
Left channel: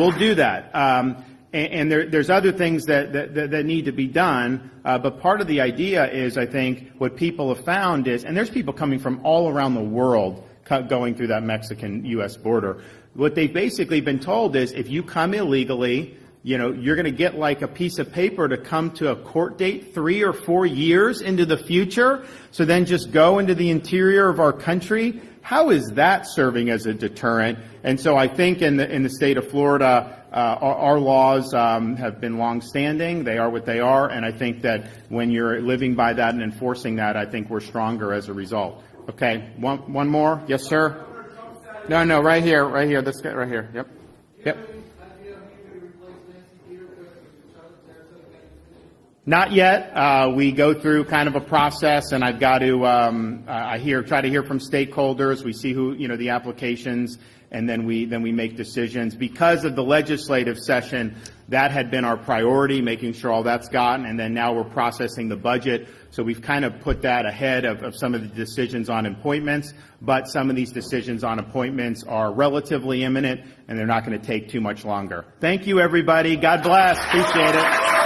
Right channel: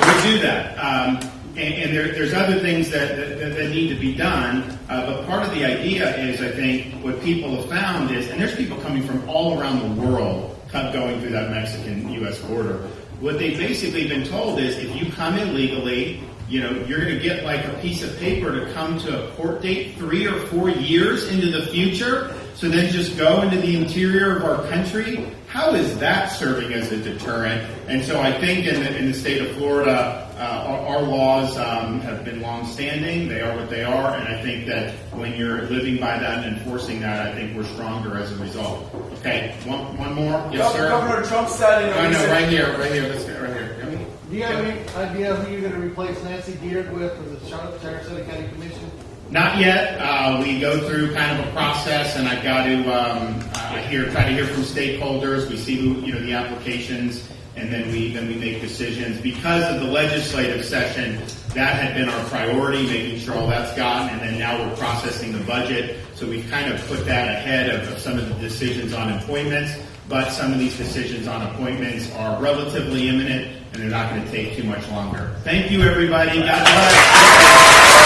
We'll do that. And there's other things that need to be done. But part of the idea is, I think, what people have found is, and there's people coming from all around the world going through that Mexican-U.S. border. What they've basically been told is, if you come illegally, you're going to get like a piece of paper to come to a court date 3 or 4 years into the future. So then just go into the interior of our country. How is that serving as a deterrent? And so I think in the state of Florida, our laws have been long-standing. They are what they are, and I think that when you're living by that and enforcing that, I think we're stronger as a result. Okay, one more? Yes, sir? Governor Trump said No, right here. This guy right here. Yep. Do you have any idea who you're going to replace Nancy Beard with for the Sarasota County Commission? Not yet. We go through kind of a process, and I've got to try to hear from stakeholders. We see who the applications, and then we make decisions. Because of the legislative session, that had been our priority, making sure all that's gotten, and then now we're processing the budget. So we kind of put that ahead of some of the decisions on appointments. But some of these decisions on appointments are relatively imminent, and they're not going to take too much longer. Thank you, everybody. God bless.